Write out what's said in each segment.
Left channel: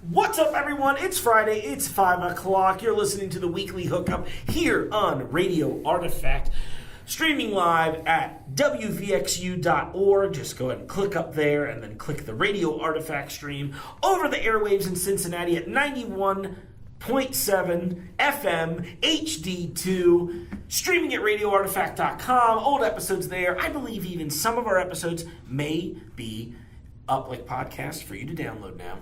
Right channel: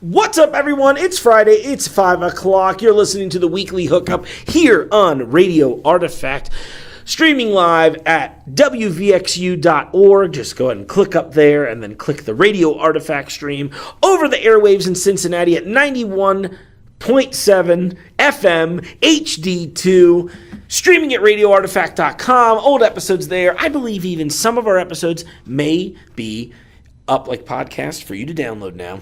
What's up, everyone? It's Friday. It's 5 o'clock. You're listening to the weekly Hookup here on Radio Artifact, streaming live at wvxu.org. Just go ahead and click up there and then click the Radio Artifact stream over the airwaves in Cincinnati at 91.7 FM HD2. Streaming at radioartifact.com. Old episodes there. I believe even some of our episodes may be up like podcasts for you to download now,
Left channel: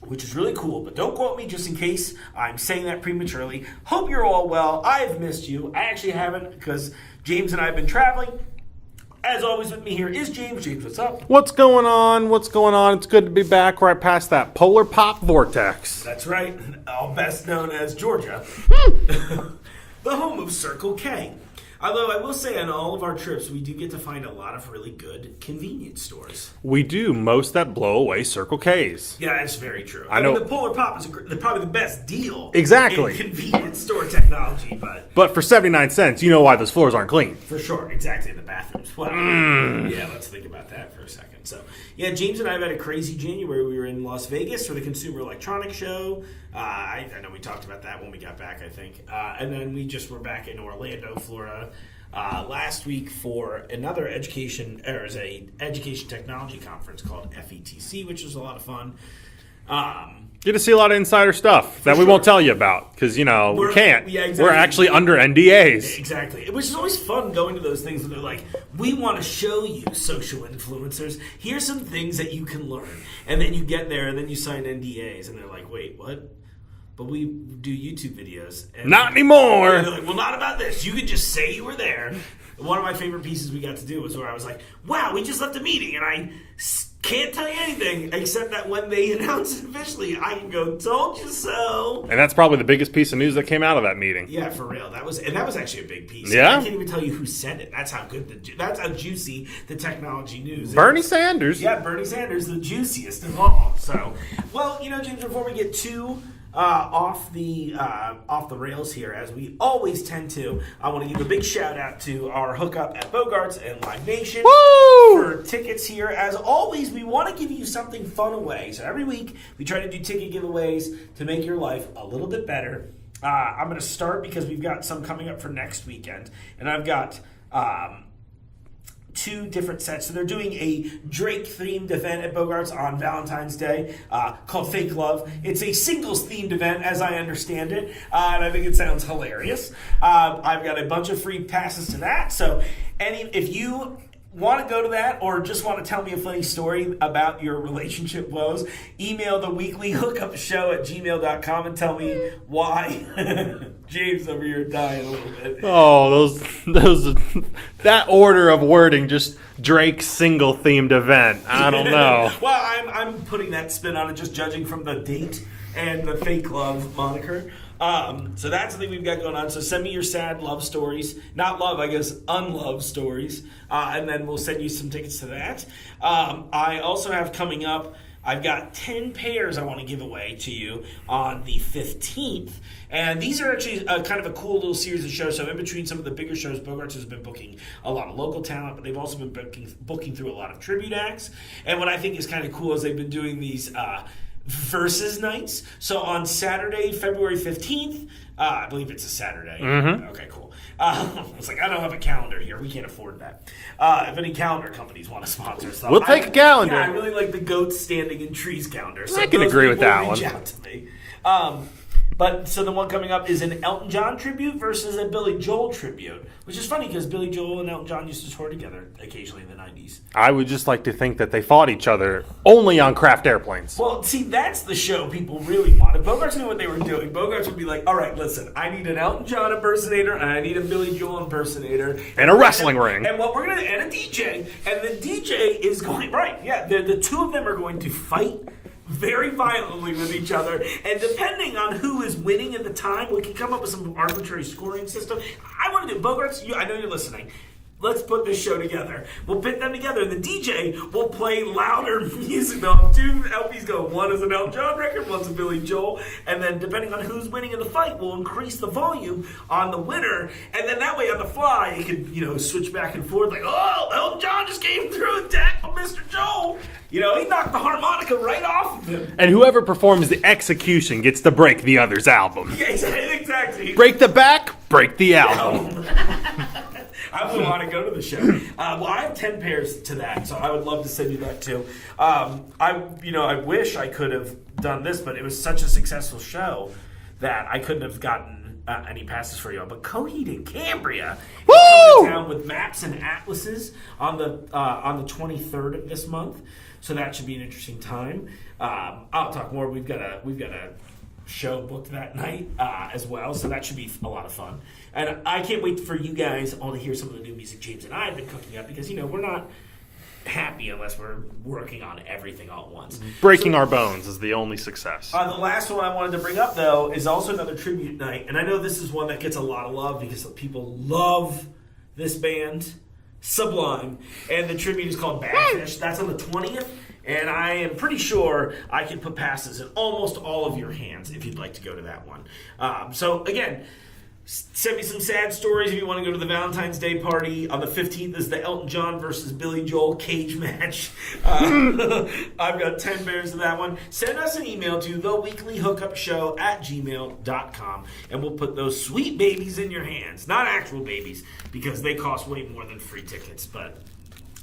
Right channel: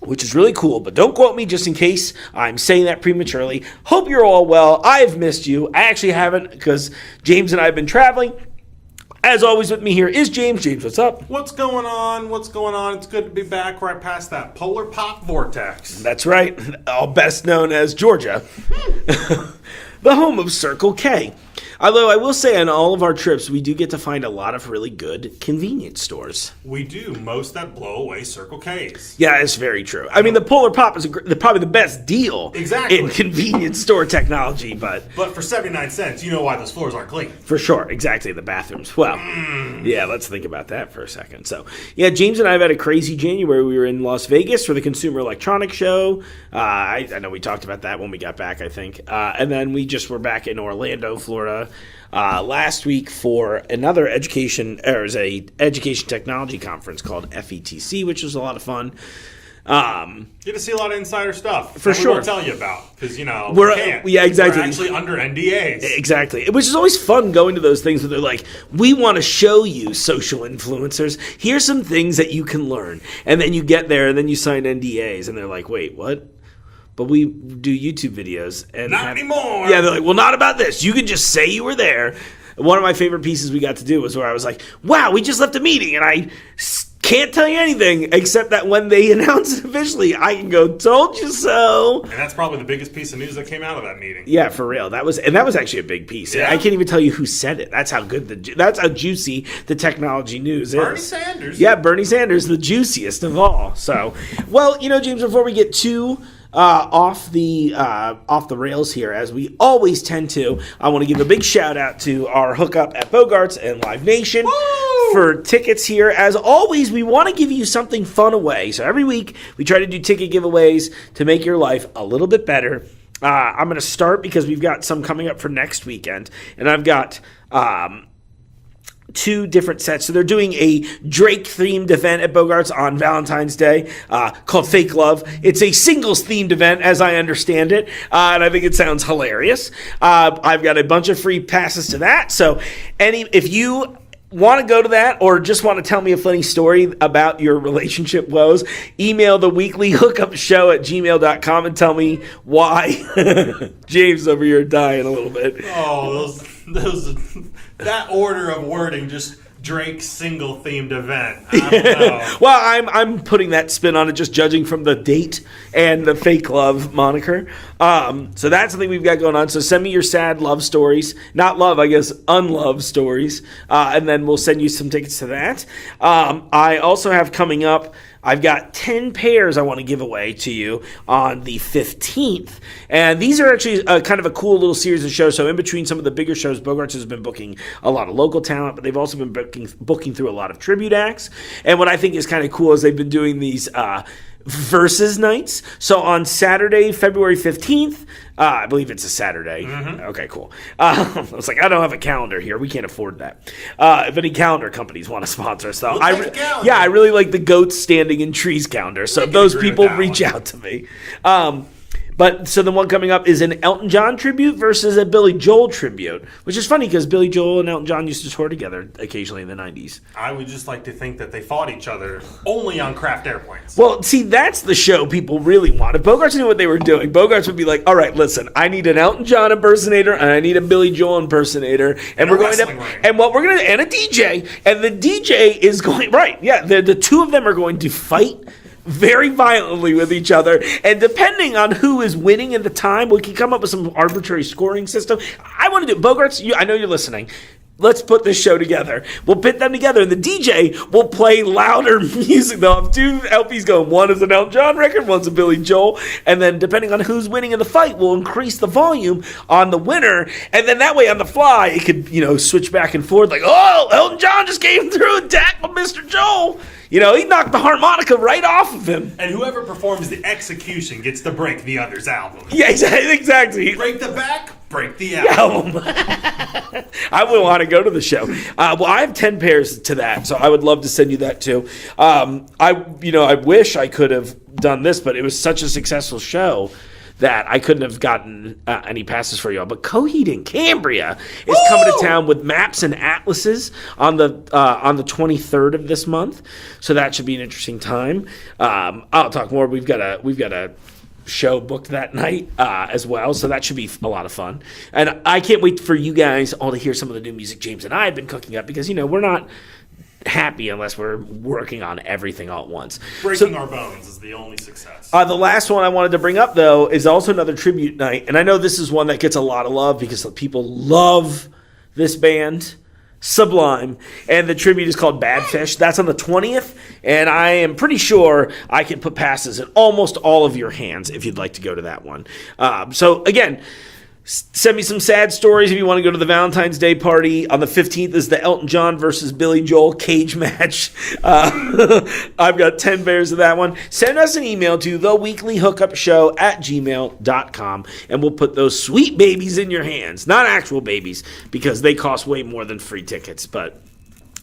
which is really cool, but don't quote me just in case I'm saying that prematurely. Hope you're all well. I've missed you. I actually haven't, because James and I have been traveling. As always, with me here is James. James, what's up? What's going on? What's going on? It's good to be back right past that polar pop vortex. That's right. All best known as Georgia. The home of Circle K. Although I will say on all of our trips, we do get to find a lot of really good convenience stores. We do. Most that blow away Circle Ks. Yeah, it's very true. I mean, the Polar Pop is probably the best deal in convenience store technology. But for 79 cents, you know why those floors aren't clean. For sure. Exactly. The bathrooms. Well, yeah, let's think about that for a second. So, yeah, James and I have had a crazy January. We were in Las Vegas for the Consumer Electronics Show. I know we talked about that when we got back, I think. And then we just were back in Orlando, Florida, last week for another education technology conference called FETC, which was a lot of fun. Get to see a lot of insider stuff that we won't tell you about because, we can't. Yeah, exactly. We're actually under NDAs. Exactly. Which is always fun going to those things where they're like, we want to show you, social influencers, here's some things that you can learn. And then you get there and then you sign NDAs and they're like, wait, what? But we do YouTube videos. And not anymore. Yeah, they're like, well, not about this. You can just say you were there. One of my favorite pieces we got to do was where I was like, wow, we just left a meeting, and I can't tell you anything except that when they announce it officially, I can go, told you so. And that's probably the biggest piece of news that came out of that meeting. Yeah, for real. That was actually a big piece. Yeah? I can't even tell you who said it. That's how that's how juicy the technology news is. Bernie Sanders. Yeah, Bernie Sanders, the juiciest of all. So, well, James, before we get too off the rails here, as we always tend to, I want to give a big shout out to our hookup at Bogarts and Live Nation. Woo! For tickets here. As always, we want to give you something fun away. So every week we try to do ticket giveaways to make your life a little bit better. I'm going to start because we've got some coming up for next weekend, and I've got two different sets. So they're doing a Drake-themed event at Bogarts on Valentine's Day called Fake Love. It's a singles-themed event, as I understand it, and I think it sounds hilarious. I've got a bunch of free passes to that. So if you want to go to that or just want to tell me a funny story about your relationship woes, email the weekly hookup show at gmail.com and tell me why. James over here dying a little bit. Oh, those that order of wording, just Drake's single themed event. I don't know. Well, I'm putting that spin on it, just judging from the date and the Fake Love moniker. So that's the thing we've got going on. So send me your sad love stories. Not love, I guess, unloved stories. And then we'll send you some tickets to that. I also have coming up, I've got 10 pairs I want to give away to you on the 15th. And these are actually kind of a cool little series of shows. So in between some of the bigger shows, Bogarts has been booking a lot of local talent, but they've also been booking through a lot of tribute acts. And what I think is kind of cool is they've been doing these versus nights. So on Saturday, February 15th, I believe it's a Saturday. Mm-hmm. Okay, cool. I was like, I don't have a calendar here. We can't afford that. If any calendar companies want to sponsor us, though, we'll take a calendar. Yeah, I really like the goats standing in trees calendar. So those people reach out to me. But so the one coming up is an Elton John tribute versus a Billy Joel tribute, which is funny because Billy Joel and Elton John used to tour together occasionally in the 90s. I would just like to think that they fought each other only on craft airplanes. Well, see, that's the show people really want. If Bogarts knew what they were doing, Bogarts would be like, all right, listen, I need an Elton John impersonator and I need a Billy Joel impersonator. And a wrestling ring. And what we're going to, and a DJ. And the DJ is going, right, yeah, the two of them are going to fight very violently with each other, and depending on who is winning at the time, we can come up with some arbitrary scoring system. I want to do Bogarts. I know you're listening. let's put this show together. We'll pit them together, and the DJ will play louder music. They'll have 2 LPs going. One is an Elton John record, one's a Billy Joel, and then depending on who's winning in the fight, we'll increase the volume on the winner, and then that way on the fly, it could, switch back and forth, like, oh, Elton John just came through and tackled Mr. Joel. He knocked the harmonica right off of him. And whoever performs the execution gets to break the other's album. Yeah, exactly. Break the back, break the album. I would want to go to the show. Well, I have 10 pairs to that, so I would love to send you that too. I wish I could have done this, but it was such a successful show that I couldn't have gotten any passes for y'all. But Coheed and Cambria is coming to town with maps and atlases on the 23rd of this month, so that should be an interesting time. I'll talk more. We've got a show booked that night as well, so that should be a lot of fun. And I can't wait for you guys all to hear some of the new music James and I have been cooking up, because we're not happy unless we're working on everything all at once. Breaking our bones is the only success. The last one I wanted to bring up, though, is also another tribute night. And I know this is one that gets a lot of love because people love this band, Sublime. And the tribute is called Bad Fish. That's on the 20th. And I am pretty sure I can put passes in almost all of your hands if you'd like to go to that one. So, again, send me some sad stories if you want to go to the Valentine's Day party. On the 15th is the Elton John versus Billy Joel cage match. I've got 10 pairs of that one. Send us an email to theweeklyhookupshow@gmail.com, and we'll put those sweet babies in your hands. Not actual babies, because they cost way more than free tickets, but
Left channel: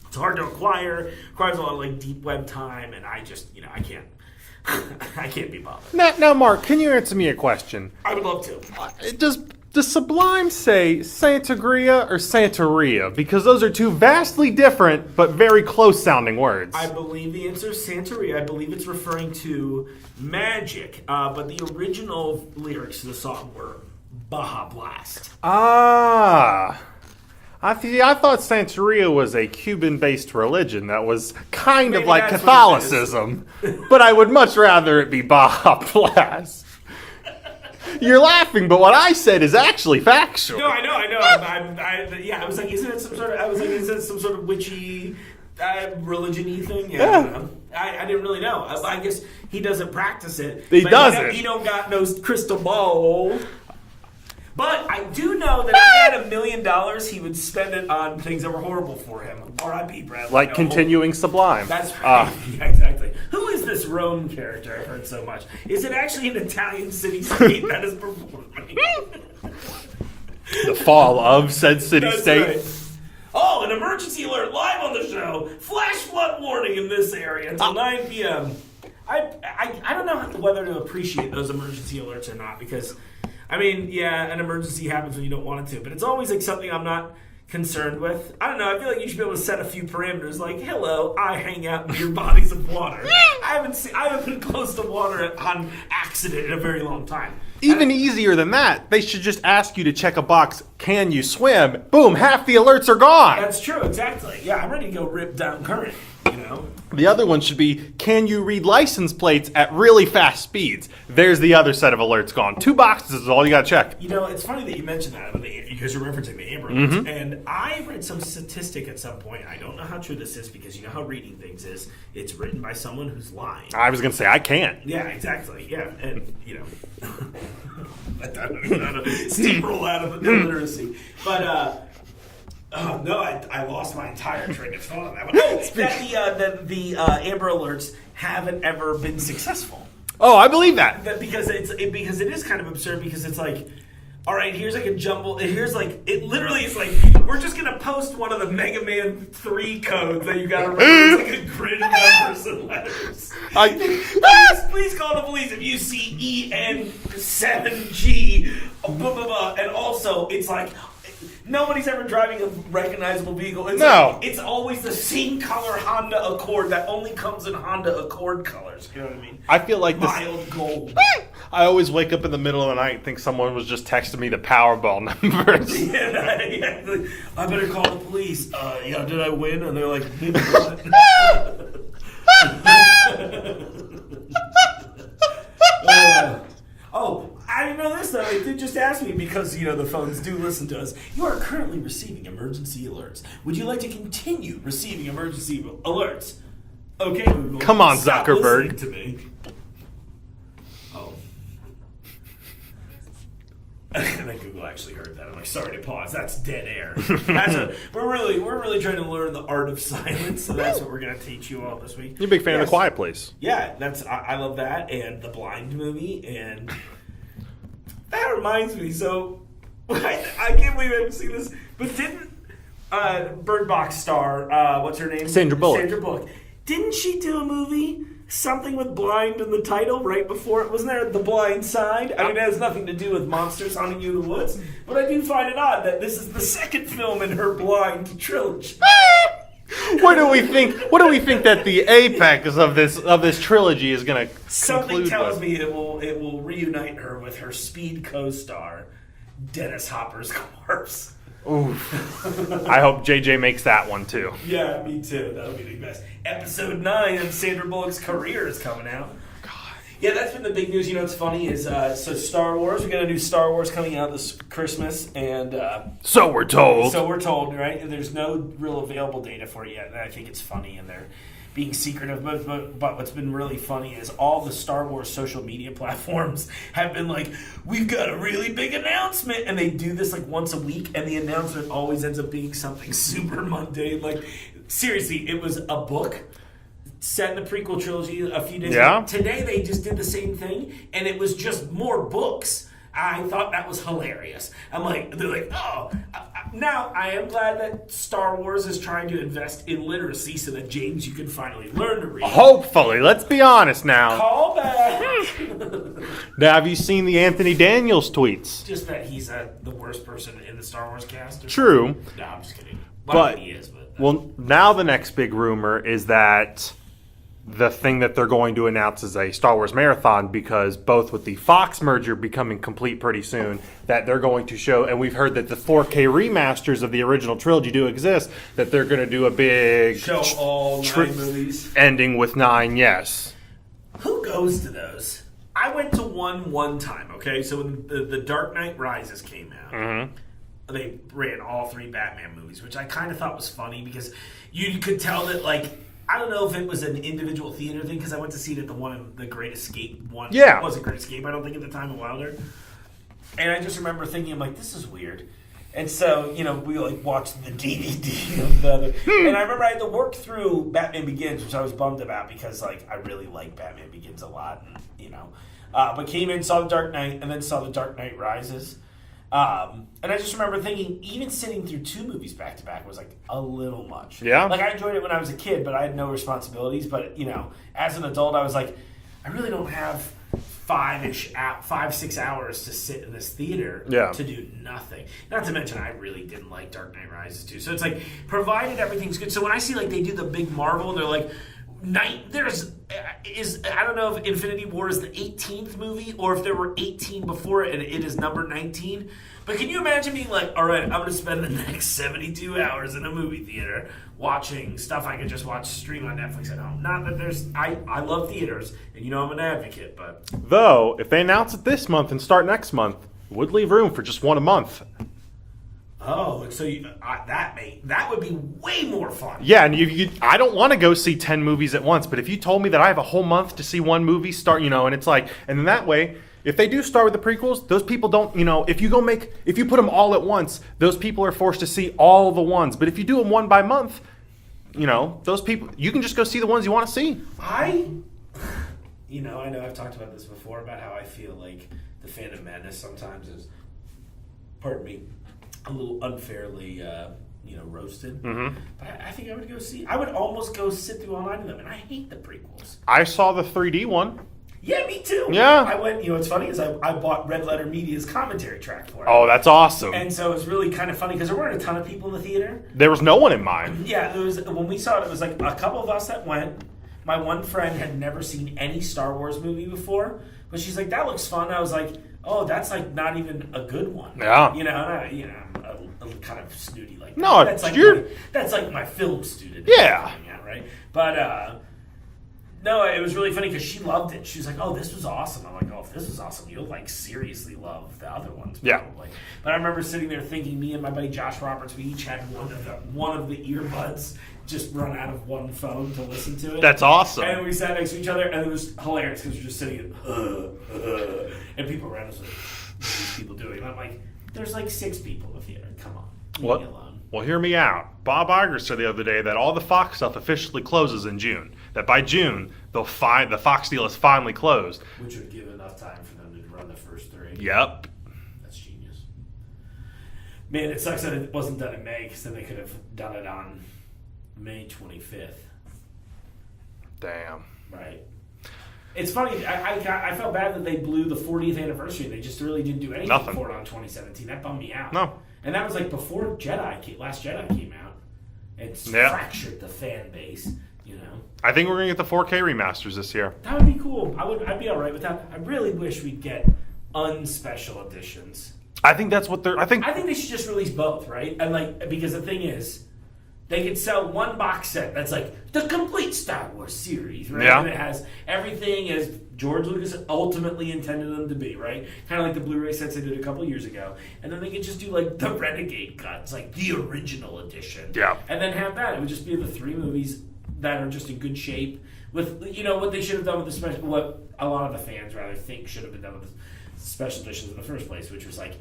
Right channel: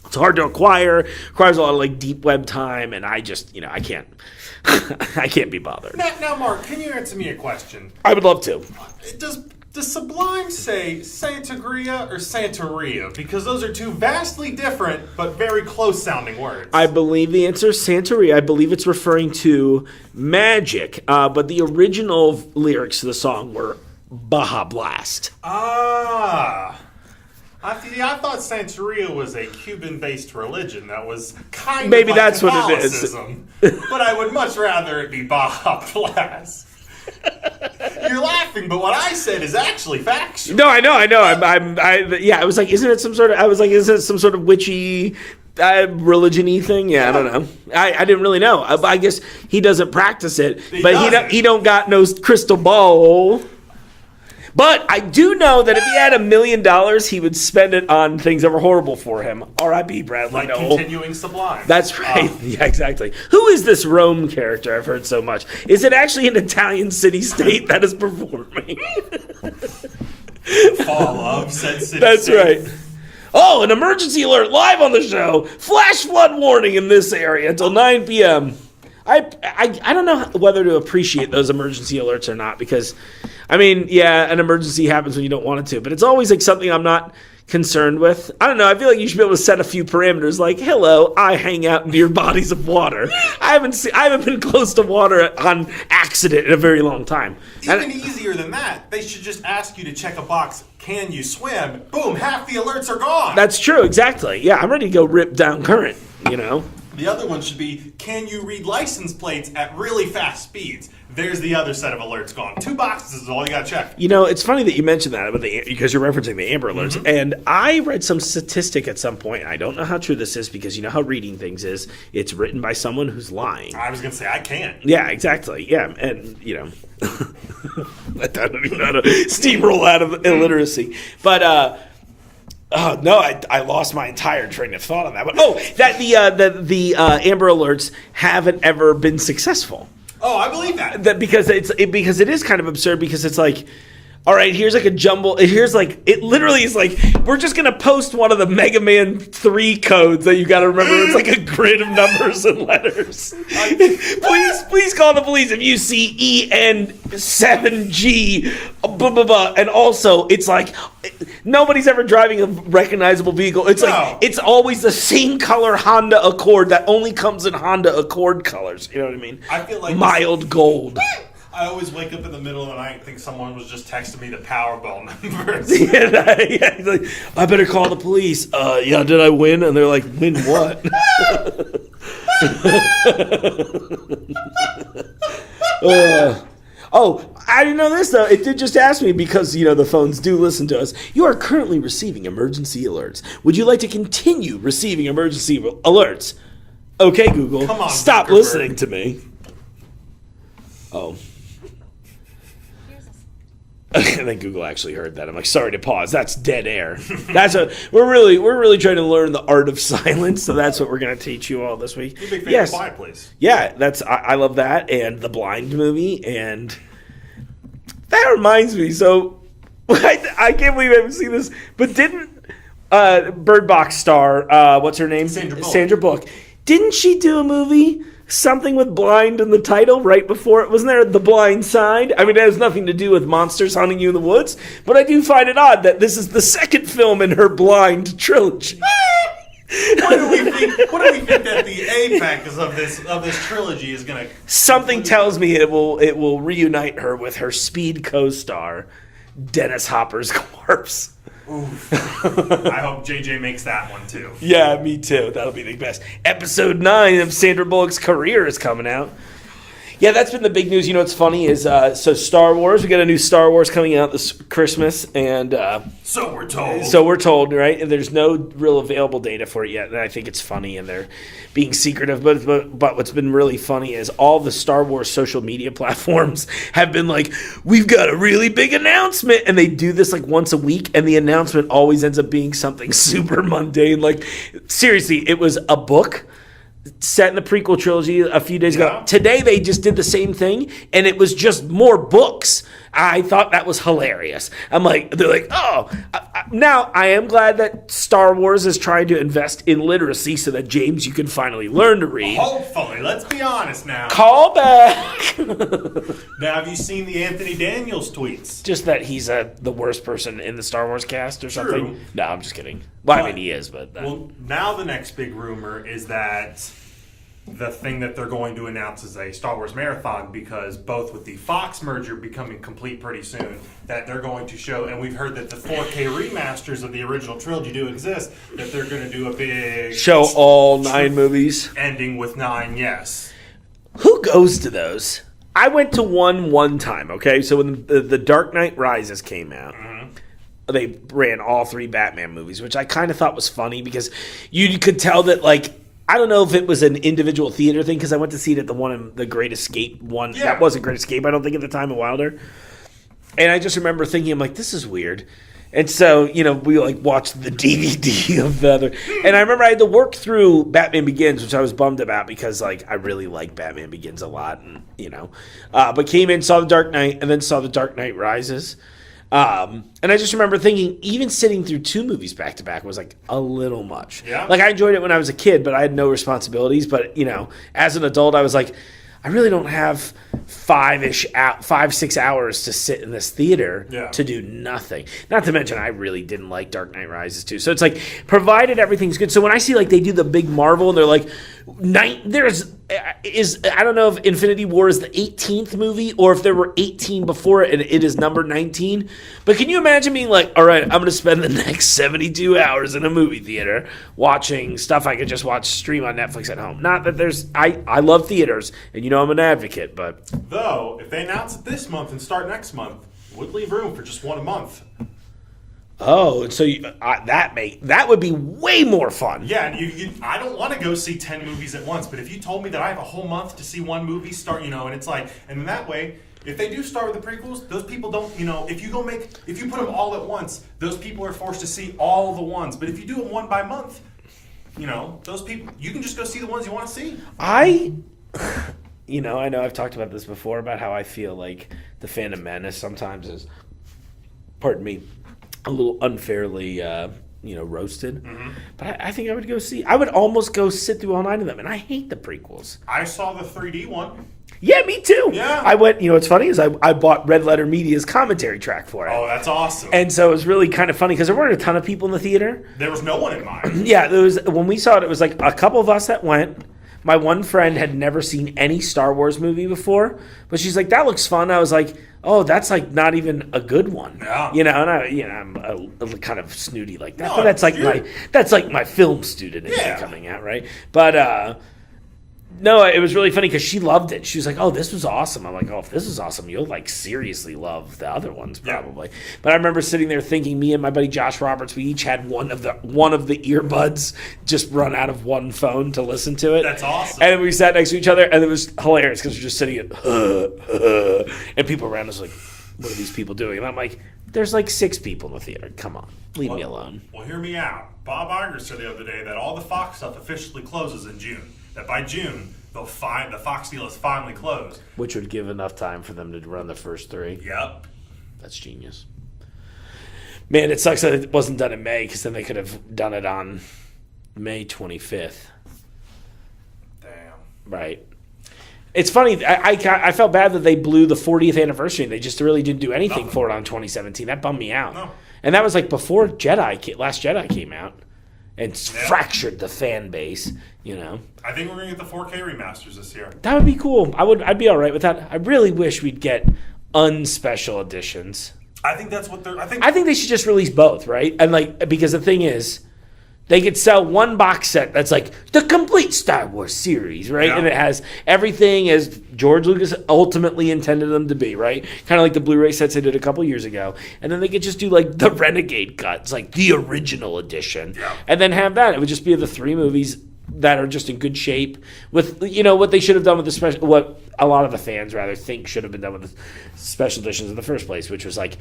it's hard to acquire. Requires a lot of deep web time, and I just, I can't. I can't be bothered. Now, Mark, can you answer me a question? I would love to. Does Sublime say Santeria or Santeria? Because those are 2 vastly different but very close-sounding words. I believe the answer is Santeria. I believe it's referring to magic, but the original lyrics of the song were Baja Blast. I thought Santeria was a Cuban-based religion that was kind of like that's Catholicism, but I would much rather it be Baja Blast. You're laughing, but what I said is actually factual. No, I know. I was like, isn't it some sort of witchy religion-y thing? Yeah, I don't know. I didn't really know. I guess he doesn't practice it, but he don't got no crystal ball. But I do know that if he had $1 million, he would spend it on things that were horrible for him. R.I.P. Bradley. Like continuing Sublime. That's right. Yeah, exactly. Who is this Rome character I've heard so much? Is it actually an Italian city-state that is performing? The fall of said city-state. That's right. Oh, an emergency alert live on the show. Flash flood warning in this area until 9 p.m. I don't know whether to appreciate those emergency alerts or not, because an emergency happens when you don't want it to, but it's always something I'm not concerned with. I don't know. I feel like you should be able to set a few parameters, like, hello, I hang out near bodies of water. I haven't been close to water on accident in a very long time. Even easier than that, they should just ask you to check a box, can you swim? Boom, half the alerts are gone. That's true, exactly. Yeah, I'm ready to go rip down current, The other one should be, can you read license plates at really fast speeds? There's the other set of alerts gone. 2 boxes is all you got to check. It's funny that you mentioned that because you're referencing the Amber Alerts. Mm-hmm. And I read some statistic at some point, and I don't know how true this is, because you know how reading things is. It's written by someone who's lying. I was going to say, I can't. Yeah, exactly. Yeah, and, I don't even know how to steamroll out of illiteracy. But, no, I lost my entire train of thought on that one. Oh, that the Amber Alerts haven't ever been successful. Oh, I believe that. Because it is kind of absurd, because it's like, all right, here's like a jumble. It literally is like, we're just going to post one of the Mega Man 3 codes that you got to remember. It's like a grid of numbers and letters. Please call the police if you see EN7G, blah, blah, blah. And also, it's like, nobody's ever driving a recognizable vehicle. It's always the same color Honda Accord that only comes in Honda Accord colors. You know what I mean? I feel like mild gold. I always wake up in the middle of the night and think someone was just texting me the Powerball numbers. Yeah, like, I better call the police. Did I win? And they're like, win what? Oh, I didn't know this, though. It did just ask me because, the phones do listen to us. You are currently receiving emergency alerts. Would you like to continue receiving emergency alerts? Okay, Google. Come on, stop Zuckerberg. listening to me. Oh. And then Google actually heard that. I'm like, sorry to pause. That's dead air. We're really trying to learn the art of silence. So that's what we're going to teach you all this week. You're a big fan of The Quiet Place. Yeah, I love that, and the Blind movie, and that reminds me. So I can't believe I haven't seen this, but didn't Bird Box star what's her name? Sandra Bullock. Sandra Bullock. Didn't she do a movie? Something with blind in the title right before it. Wasn't there The Blind Side? I mean, it has nothing to do with monsters hunting you in the woods, but I do find it odd that this is the second film in her blind trilogy. What do we think that the apex of this trilogy is going to? Something tells me it will reunite her with her Speed co-star, Dennis Hopper's corpse. Oof. I hope JJ makes that one too. Yeah, me too. That'll be the best. Episode 9 of Sandra Bullock's career is coming out. Yeah, that's been the big news. What's funny is, so Star Wars, we got a new Star Wars coming out this Christmas, and so we're told. So we're told, right? And there's no real available data for it yet, and I think it's funny, and they're being secretive. But what's been really funny is all the Star Wars social media platforms have been like, we've got a really big announcement, and they do this like once a week, and the announcement always ends up being something super mundane. Like, seriously, it was a book set in the prequel trilogy a few days ago. Today they just did the same thing, and it was just more books. I thought that was hilarious. They're like, oh. Now, I am glad that Star Wars is trying to invest in literacy so that, James, you can finally learn to read. Hopefully. Let's be honest now. Call back. Now, have you seen the Anthony Daniels tweets? Just that he's the worst person in the Star Wars cast or True. something? No, I'm just kidding. Well, I mean, he is, but... Well, now the next big rumor is that the thing that they're going to announce is a Star Wars marathon, because both with the Fox merger becoming complete pretty soon, that they're going to show, and we've heard that the 4K remasters of the original trilogy do exist, that they're going to do a big... Show all 9 movies? Ending with 9, yes. Who goes to those? I went to one time, okay? So when the Dark Knight Rises came out, they ran all 3 Batman movies, which I kind of thought was funny because you could tell that, like, I don't know if it was an individual theater thing, because I went to see it at the Great Escape one. Yeah. It wasn't Great Escape, I don't think, at the time of Wilder. And I just remember thinking, I'm like, this is weird. And so, we watched the DVD of the other. And I remember I had to work through Batman Begins, which I was bummed about because, I really like Batman Begins a lot. And, but came in, saw the Dark Knight, and then saw the Dark Knight Rises. And I just remember thinking, even sitting through 2 movies back to back was a little much. Yeah. I enjoyed it when I was a kid, but I had no responsibilities. But as an adult, I was like, I really don't have 5-6 hours to sit in this theater to do nothing. Not to mention, I really didn't like Dark Knight Rises too. So it's provided everything's good. So when I see they do the big Marvel and they're like, I don't know if Infinity War is the 18th movie or if there were 18 before it and it is number 19. But can you imagine being like, all right, I'm going to spend the next 72 hours in a movie theater watching stuff I could just stream on Netflix at home. Not that I love theaters and I'm an advocate, but. Though, if they announce it this month and start next month, would leave room for just one a month. Oh, so that would be way more fun. Yeah, and I don't want to go see 10 movies at once, but if you told me that I have a whole month to see one movie start, and it's and then that way, if they do start with the prequels, those people don't, if you put them all at once, those people are forced to see all the ones. But if you do them one by month, those people, you can just go see the ones you want to see. I know I've talked about this before about how I feel like the Phantom Menace sometimes is, pardon me, a little unfairly, roasted. Mm-hmm. But I think I would almost go sit through all 9 of them, and I hate the prequels. I saw the 3D one. Yeah, me too. Yeah. I went, what's funny is I bought Red Letter Media's commentary track for it. Oh, that's awesome. And so it was really kind of funny because there weren't a ton of people in the theater. There was no one in mine. Yeah, when we saw it, it was a couple of us that went. My one friend had never seen any Star Wars movie before, but she's like, that looks fun. I was like, oh, that's not even a good one. Yeah. And I'm a kind of snooty like that. No, but that's my film student coming out, right? But No, it was really funny because she loved it. She was like, "Oh, this was awesome." I'm like, "Oh, if this is awesome, you'll like seriously love the other ones probably." Yeah. But I remember sitting there thinking, me and my buddy Josh Roberts, we each had one of the earbuds just run out of one phone to listen to it. That's awesome. And we sat next to each other, and it was hilarious because we're just sitting at, and people around us like, "What are these people doing?" And I'm like, "There's like 6 people in the theater. Come on, leave me alone." Well, hear me out. Bob Iger said the other day that all the Fox stuff officially closes in June. That by June, the Fox deal is finally closed. Which would give enough time for them to run the first 3. Yep. That's genius. Man, it sucks that it wasn't done in May, because then they could have done it on May 25th. Damn. Right. It's funny. I felt bad that they blew the 40th anniversary. They just really didn't do anything for it on 2017. That bummed me out. No. And that was like before Last Jedi came out. And fractured the fan base, you know. I think we're going to get the 4K remasters this year. That would be cool. I'd be all right with that. I really wish we'd get unspecial editions. I think that's what they're... I think they should just release both, right? And like, because the thing is, they could sell one box set that's like the complete Star Wars series, right? Yeah. And it has everything as George Lucas ultimately intended them to be, right? Kind of like the Blu-ray sets they did a couple years ago. And then they could just do like the Renegade cuts, like the original edition. Yeah. And then have that. It would just be the 3 movies that are just in good shape with, you know, what they should have done with the special, what a lot of the fans rather think should have been done with the special editions in the first place, which was like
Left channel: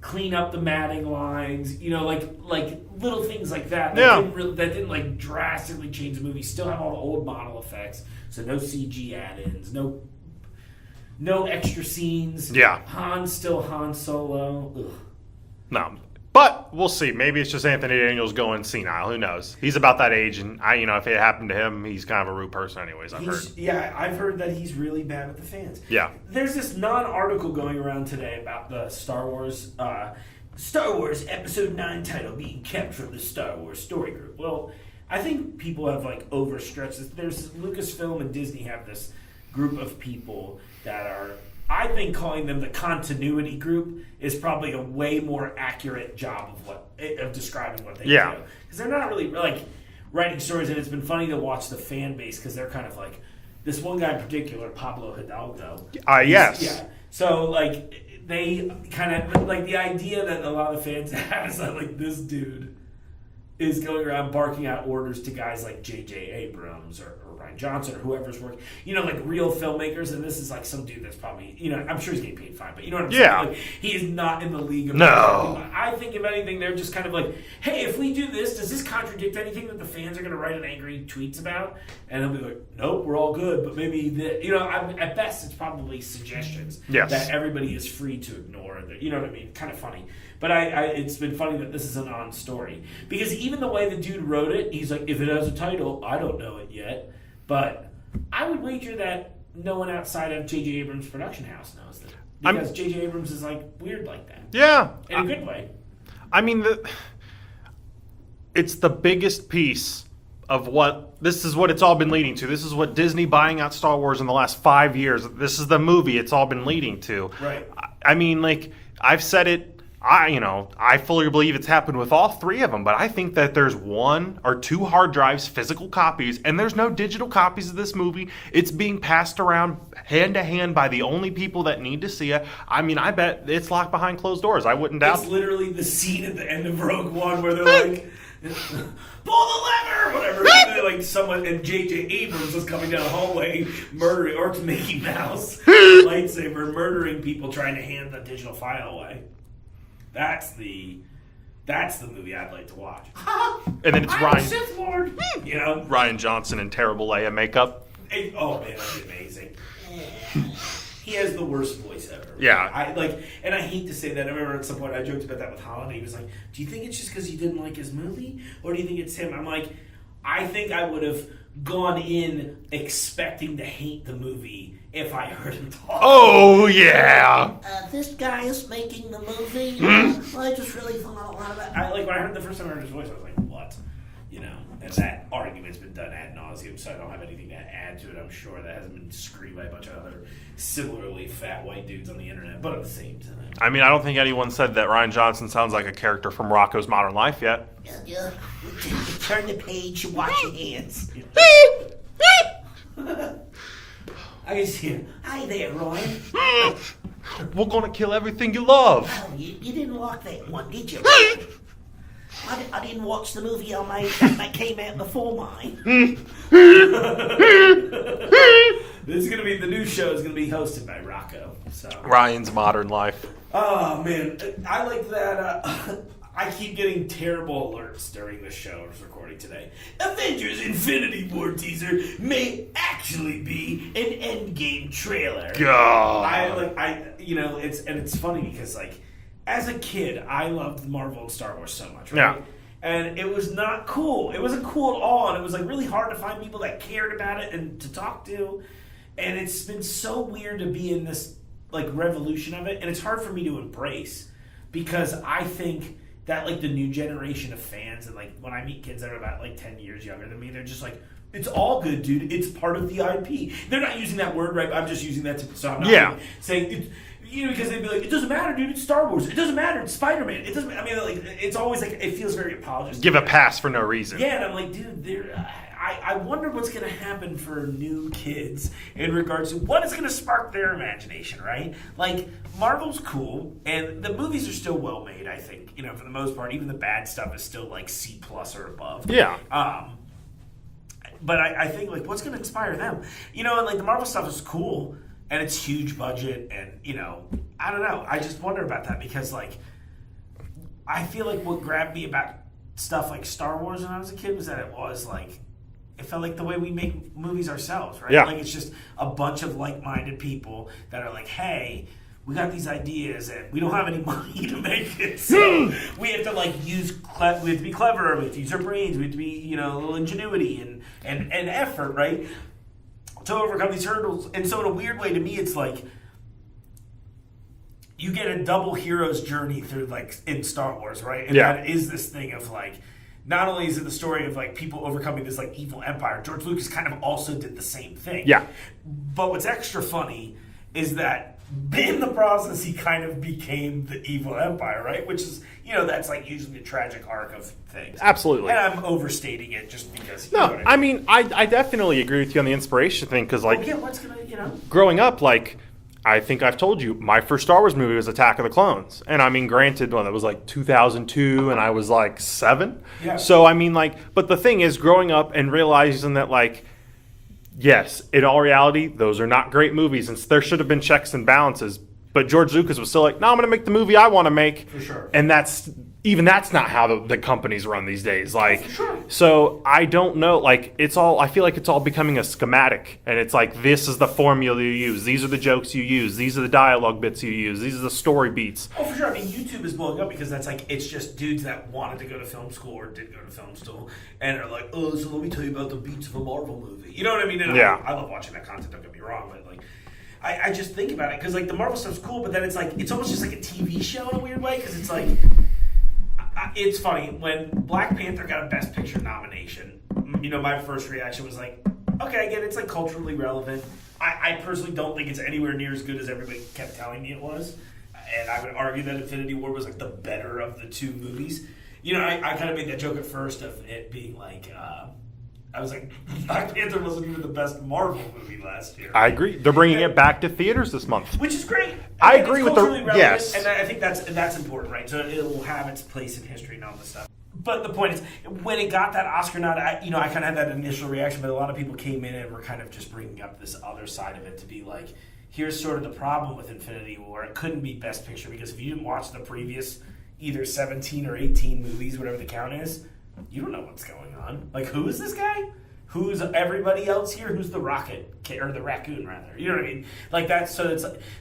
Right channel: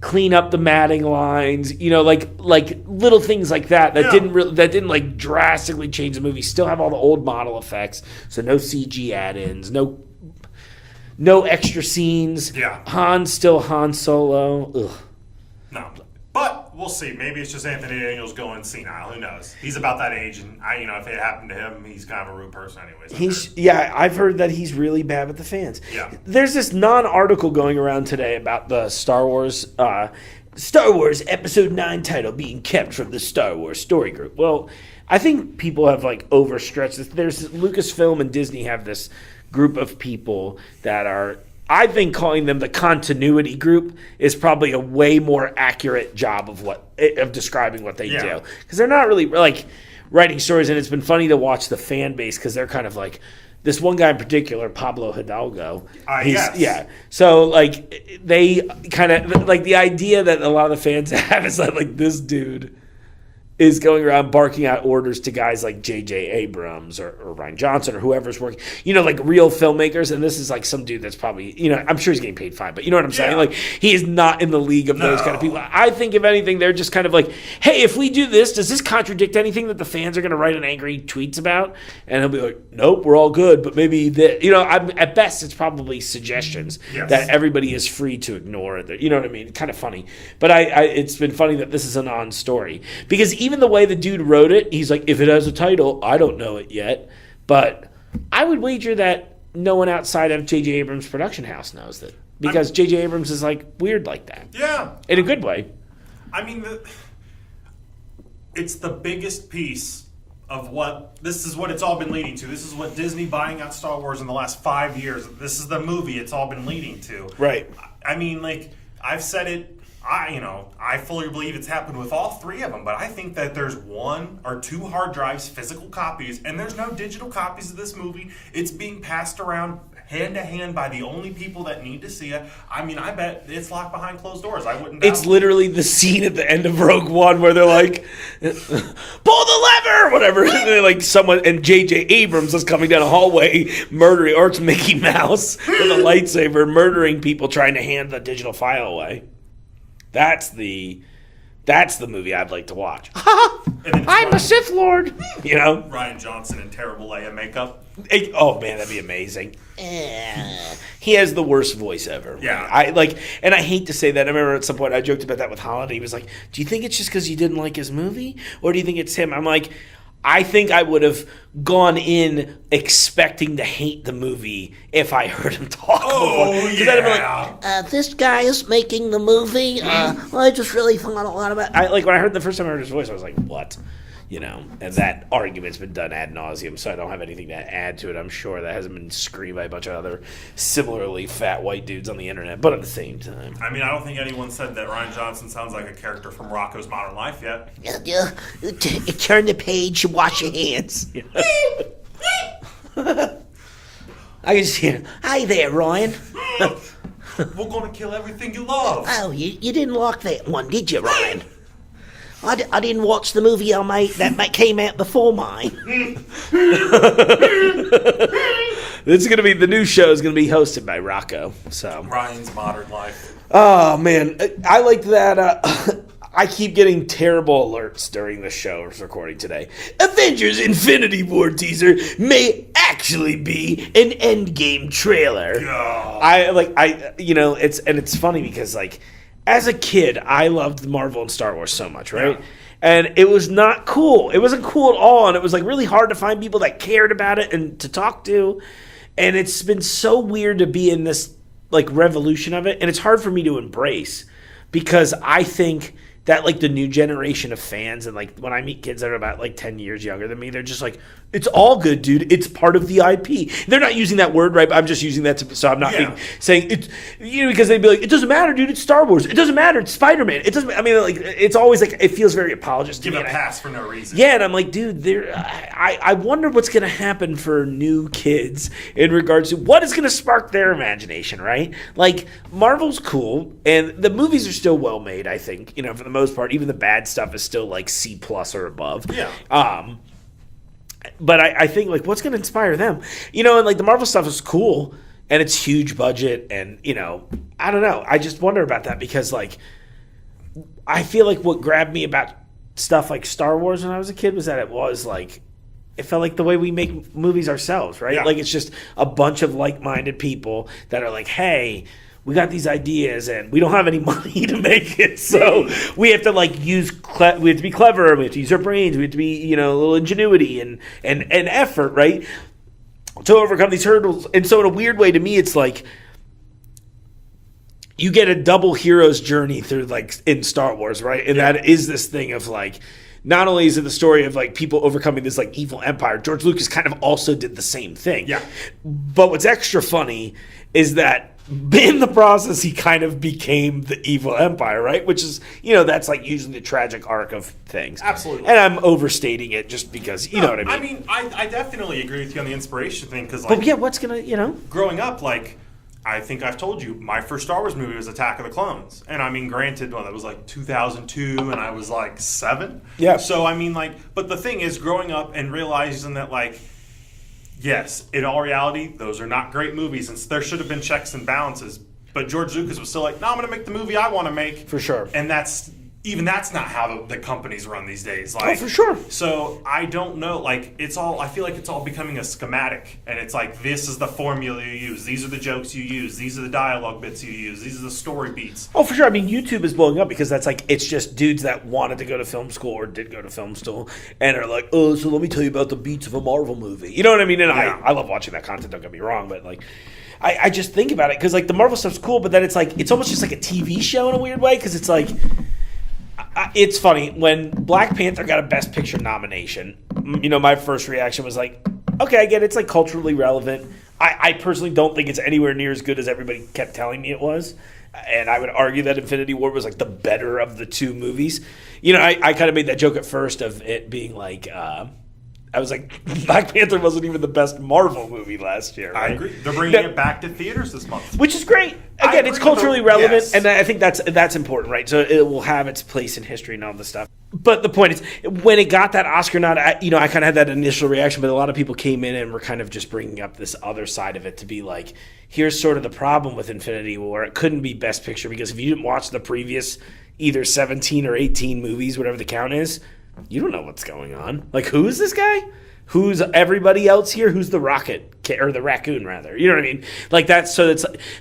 clean up the matting lines, you know, like little things like that didn't like drastically change the movie. Still have all the old model effects, so no CG add-ins, no extra scenes. Yeah, Han's still Han Solo. Ugh. No, but we'll see. Maybe it's just Anthony Daniels going senile. Who knows? He's about that age, and if it happened to him, he's kind of a rude person, anyways. I've heard that he's really bad with the fans. Yeah, there's this non-article going around today about the Star Wars Episode 9 title being kept from the Star Wars Story Group. Well, I think people have like overstretched this. There's Lucasfilm and Disney have this group of people that are, I think calling them the continuity group is probably a way more accurate job of describing what they do. Because they're not really like writing stories, and it's been funny to watch the fan base because they're kind of like this one guy in particular, Pablo Hidalgo. Yes. Yeah. So like they kind of like the idea that a lot of the fans have is that like this dude is going around barking out orders to guys like J.J. Abrams or Rian Johnson or whoever's working, you know, like real filmmakers. And this is like some dude that's probably, you know, I'm sure he's getting paid fine, but you know what I'm saying? Like, he is not in the league of those kind of people. I think, if anything, they're just kind of like, hey, if we do this, does this contradict anything that the fans are going to write an angry tweets about? And he'll be like, nope, we're all good. But maybe, you know, at best, it's probably suggestions that everybody is free to ignore. You know what I mean? Kind of funny. But it's been funny that this is a non-story. Because even the way the dude wrote it, he's like, if it has a title, I don't know it yet. But I would wager that no one outside of J.J. Abrams' production house knows that. Because J.J. Abrams is like weird like that. Yeah. In a good way. I mean, it's the biggest piece of this is what it's all been leading to. This is what Disney buying out Star Wars in the last 5 years. This is the movie it's all been leading to. Right. I mean, like, I've said it. I fully believe it's happened with all 3 of them, but I think that there's 1 or 2 hard drives, physical copies, and there's no digital copies of this movie. It's being passed around hand to hand by the only people that need to see it. I mean, I bet it's locked behind closed doors. I wouldn't doubt. It's literally the scene at the end of Rogue One where they're like, pull the lever, whatever. And they're like someone, and J.J. Abrams is coming down a hallway murdering, or it's Mickey Mouse with a lightsaber murdering people trying to hand the digital file away. That's the movie I'd like to watch. And then I'm a Sith Lord. You know? Rian Johnson in terrible Leia makeup. Oh, man, that'd be amazing. He has the worst voice ever. Yeah. And I hate to say that. I remember at some point I joked about that with Holiday. He was like, do you think it's just because you didn't like his movie? Or do you think it's him? I'm like, I think I would have gone in expecting to hate the movie if I heard him talk. Oh, yeah. Like, this guy is making the movie. I just really thought a lot about it. When I heard the first time I heard his voice, I was like, what? You know, and that argument's been done ad nauseum, so I don't have anything to add to it. I'm sure that hasn't been screamed by a bunch of other similarly fat white dudes on the internet, but at the same time. I mean, I don't think anyone said that Rian Johnson sounds like a character from Rocko's Modern Life yet. Turn the page, wash your hands. I can just hear, "Hi there, Ryan." We're gonna kill everything you love. Oh, you didn't like that one, did you, Ryan? I didn't watch the movie I made that came out before mine. This is gonna be the new show is gonna be hosted by Rocco. So Ryan's Modern Life. oh man, I like that. I keep getting terrible alerts during the show's recording today. Avengers Infinity War teaser may actually be an Endgame trailer. God. It's funny because like as a kid, I loved Marvel and Star Wars so much, right? Yeah. And it was not cool. It wasn't cool at all, and it was like really hard to find people that cared about it and to talk to. And it's been so weird to be in this like revolution of it, and it's hard for me to embrace because I think that like the new generation of fans and like when I meet kids that are about like 10 years younger than me, they're just like, it's all good, dude. It's part of the IP. They're not using that word, right? I'm just using that so I'm not saying it, because they'd be like, it doesn't matter, dude. It's Star Wars. It doesn't matter. It's Spider-Man. It doesn't. I mean, like it's always like it feels very apologistic. Give a pass for no reason. Yeah, and I'm like, dude, I wonder what's going to happen for new kids in regards to what is going to spark their imagination, right? Like Marvel's cool, and the movies are still well made. I think for the most part, even the bad stuff is still like C+ or above. Yeah. But I think like what's going to inspire them, and like the Marvel stuff is cool and it's huge budget, and I don't know. I just wonder about that because like I feel like what grabbed me about stuff like Star Wars when I was a kid was that it felt like the way we make movies ourselves, right? Yeah. Like it's just a bunch of like-minded people that are like, hey, we got these ideas and we don't have any money to make it, so we have to like we have to be clever, we have to use our brains, we have to be a little ingenuity and effort, right, to overcome these hurdles. And so in a weird way, to me, it's like you get a double hero's journey through like in Star Wars, right? And that is this thing of like, not only is it the story of like people overcoming this like evil empire, George Lucas kind of also did the same thing. Yeah. But what's extra funny is that in the process, he kind of became the evil empire, right? Which is, that's like usually the tragic arc of things. Absolutely. And I'm overstating it just because, you know what I mean? I definitely agree with you on the inspiration thing because, like, But yeah, what's going to, growing up, like, I think I've told you, my first Star Wars movie was Attack of the Clones. And I mean, granted, that was like 2002 and I was like 7. Yeah. So, I mean, like, but the thing is, growing up and realizing that, like, yes, in all reality, those are not great movies, and there should have been checks and balances. But George Lucas was still like, no, I'm going to make the movie I want to make. For sure. And that's not how the companies run these days. Like, for sure. So I don't know. Like, I feel like it's all becoming a schematic. And it's like, this is the formula you use. These are the jokes you use. These are the dialogue bits you use. These are the story beats. Oh, for sure. I mean, YouTube is blowing up because that's like, it's just dudes that wanted to go to film school or did go to film school and are like, oh, so let me tell you about the beats of a Marvel movie. You know what I mean? And I love watching that content, don't get me wrong, but like, I just think about it because like the Marvel stuff's cool, but then it's like, it's almost just like a TV show in a weird way because it's like, it's funny when Black Panther got a Best Picture nomination. My first reaction was like, okay, I get it. It's like culturally relevant. I personally don't think it's anywhere near as good as everybody kept telling me it was, and I would argue that Infinity War was like the better of the two movies. I kind of made that joke at first of it being like, I was like, Black Panther wasn't even the best Marvel movie last year. Right? I agree. They're bringing it back to theaters this month, which is great. I Again, agree it's with culturally relevant, yes. and I think that's important, right? So it will have its place in history and all this stuff. But the point is, when it got that Oscar nod, I kind of had that initial reaction, but a lot of people came in and were kind of just bringing up this other side of it to be like, here's sort of the problem with Infinity War. It couldn't be Best Picture because if you didn't watch the previous either 17 or 18 movies, whatever the count is, you don't know what's going on. Like, who is this guy? Who's everybody else here? Who's the rocket or the raccoon rather? You know what I mean? Like that's so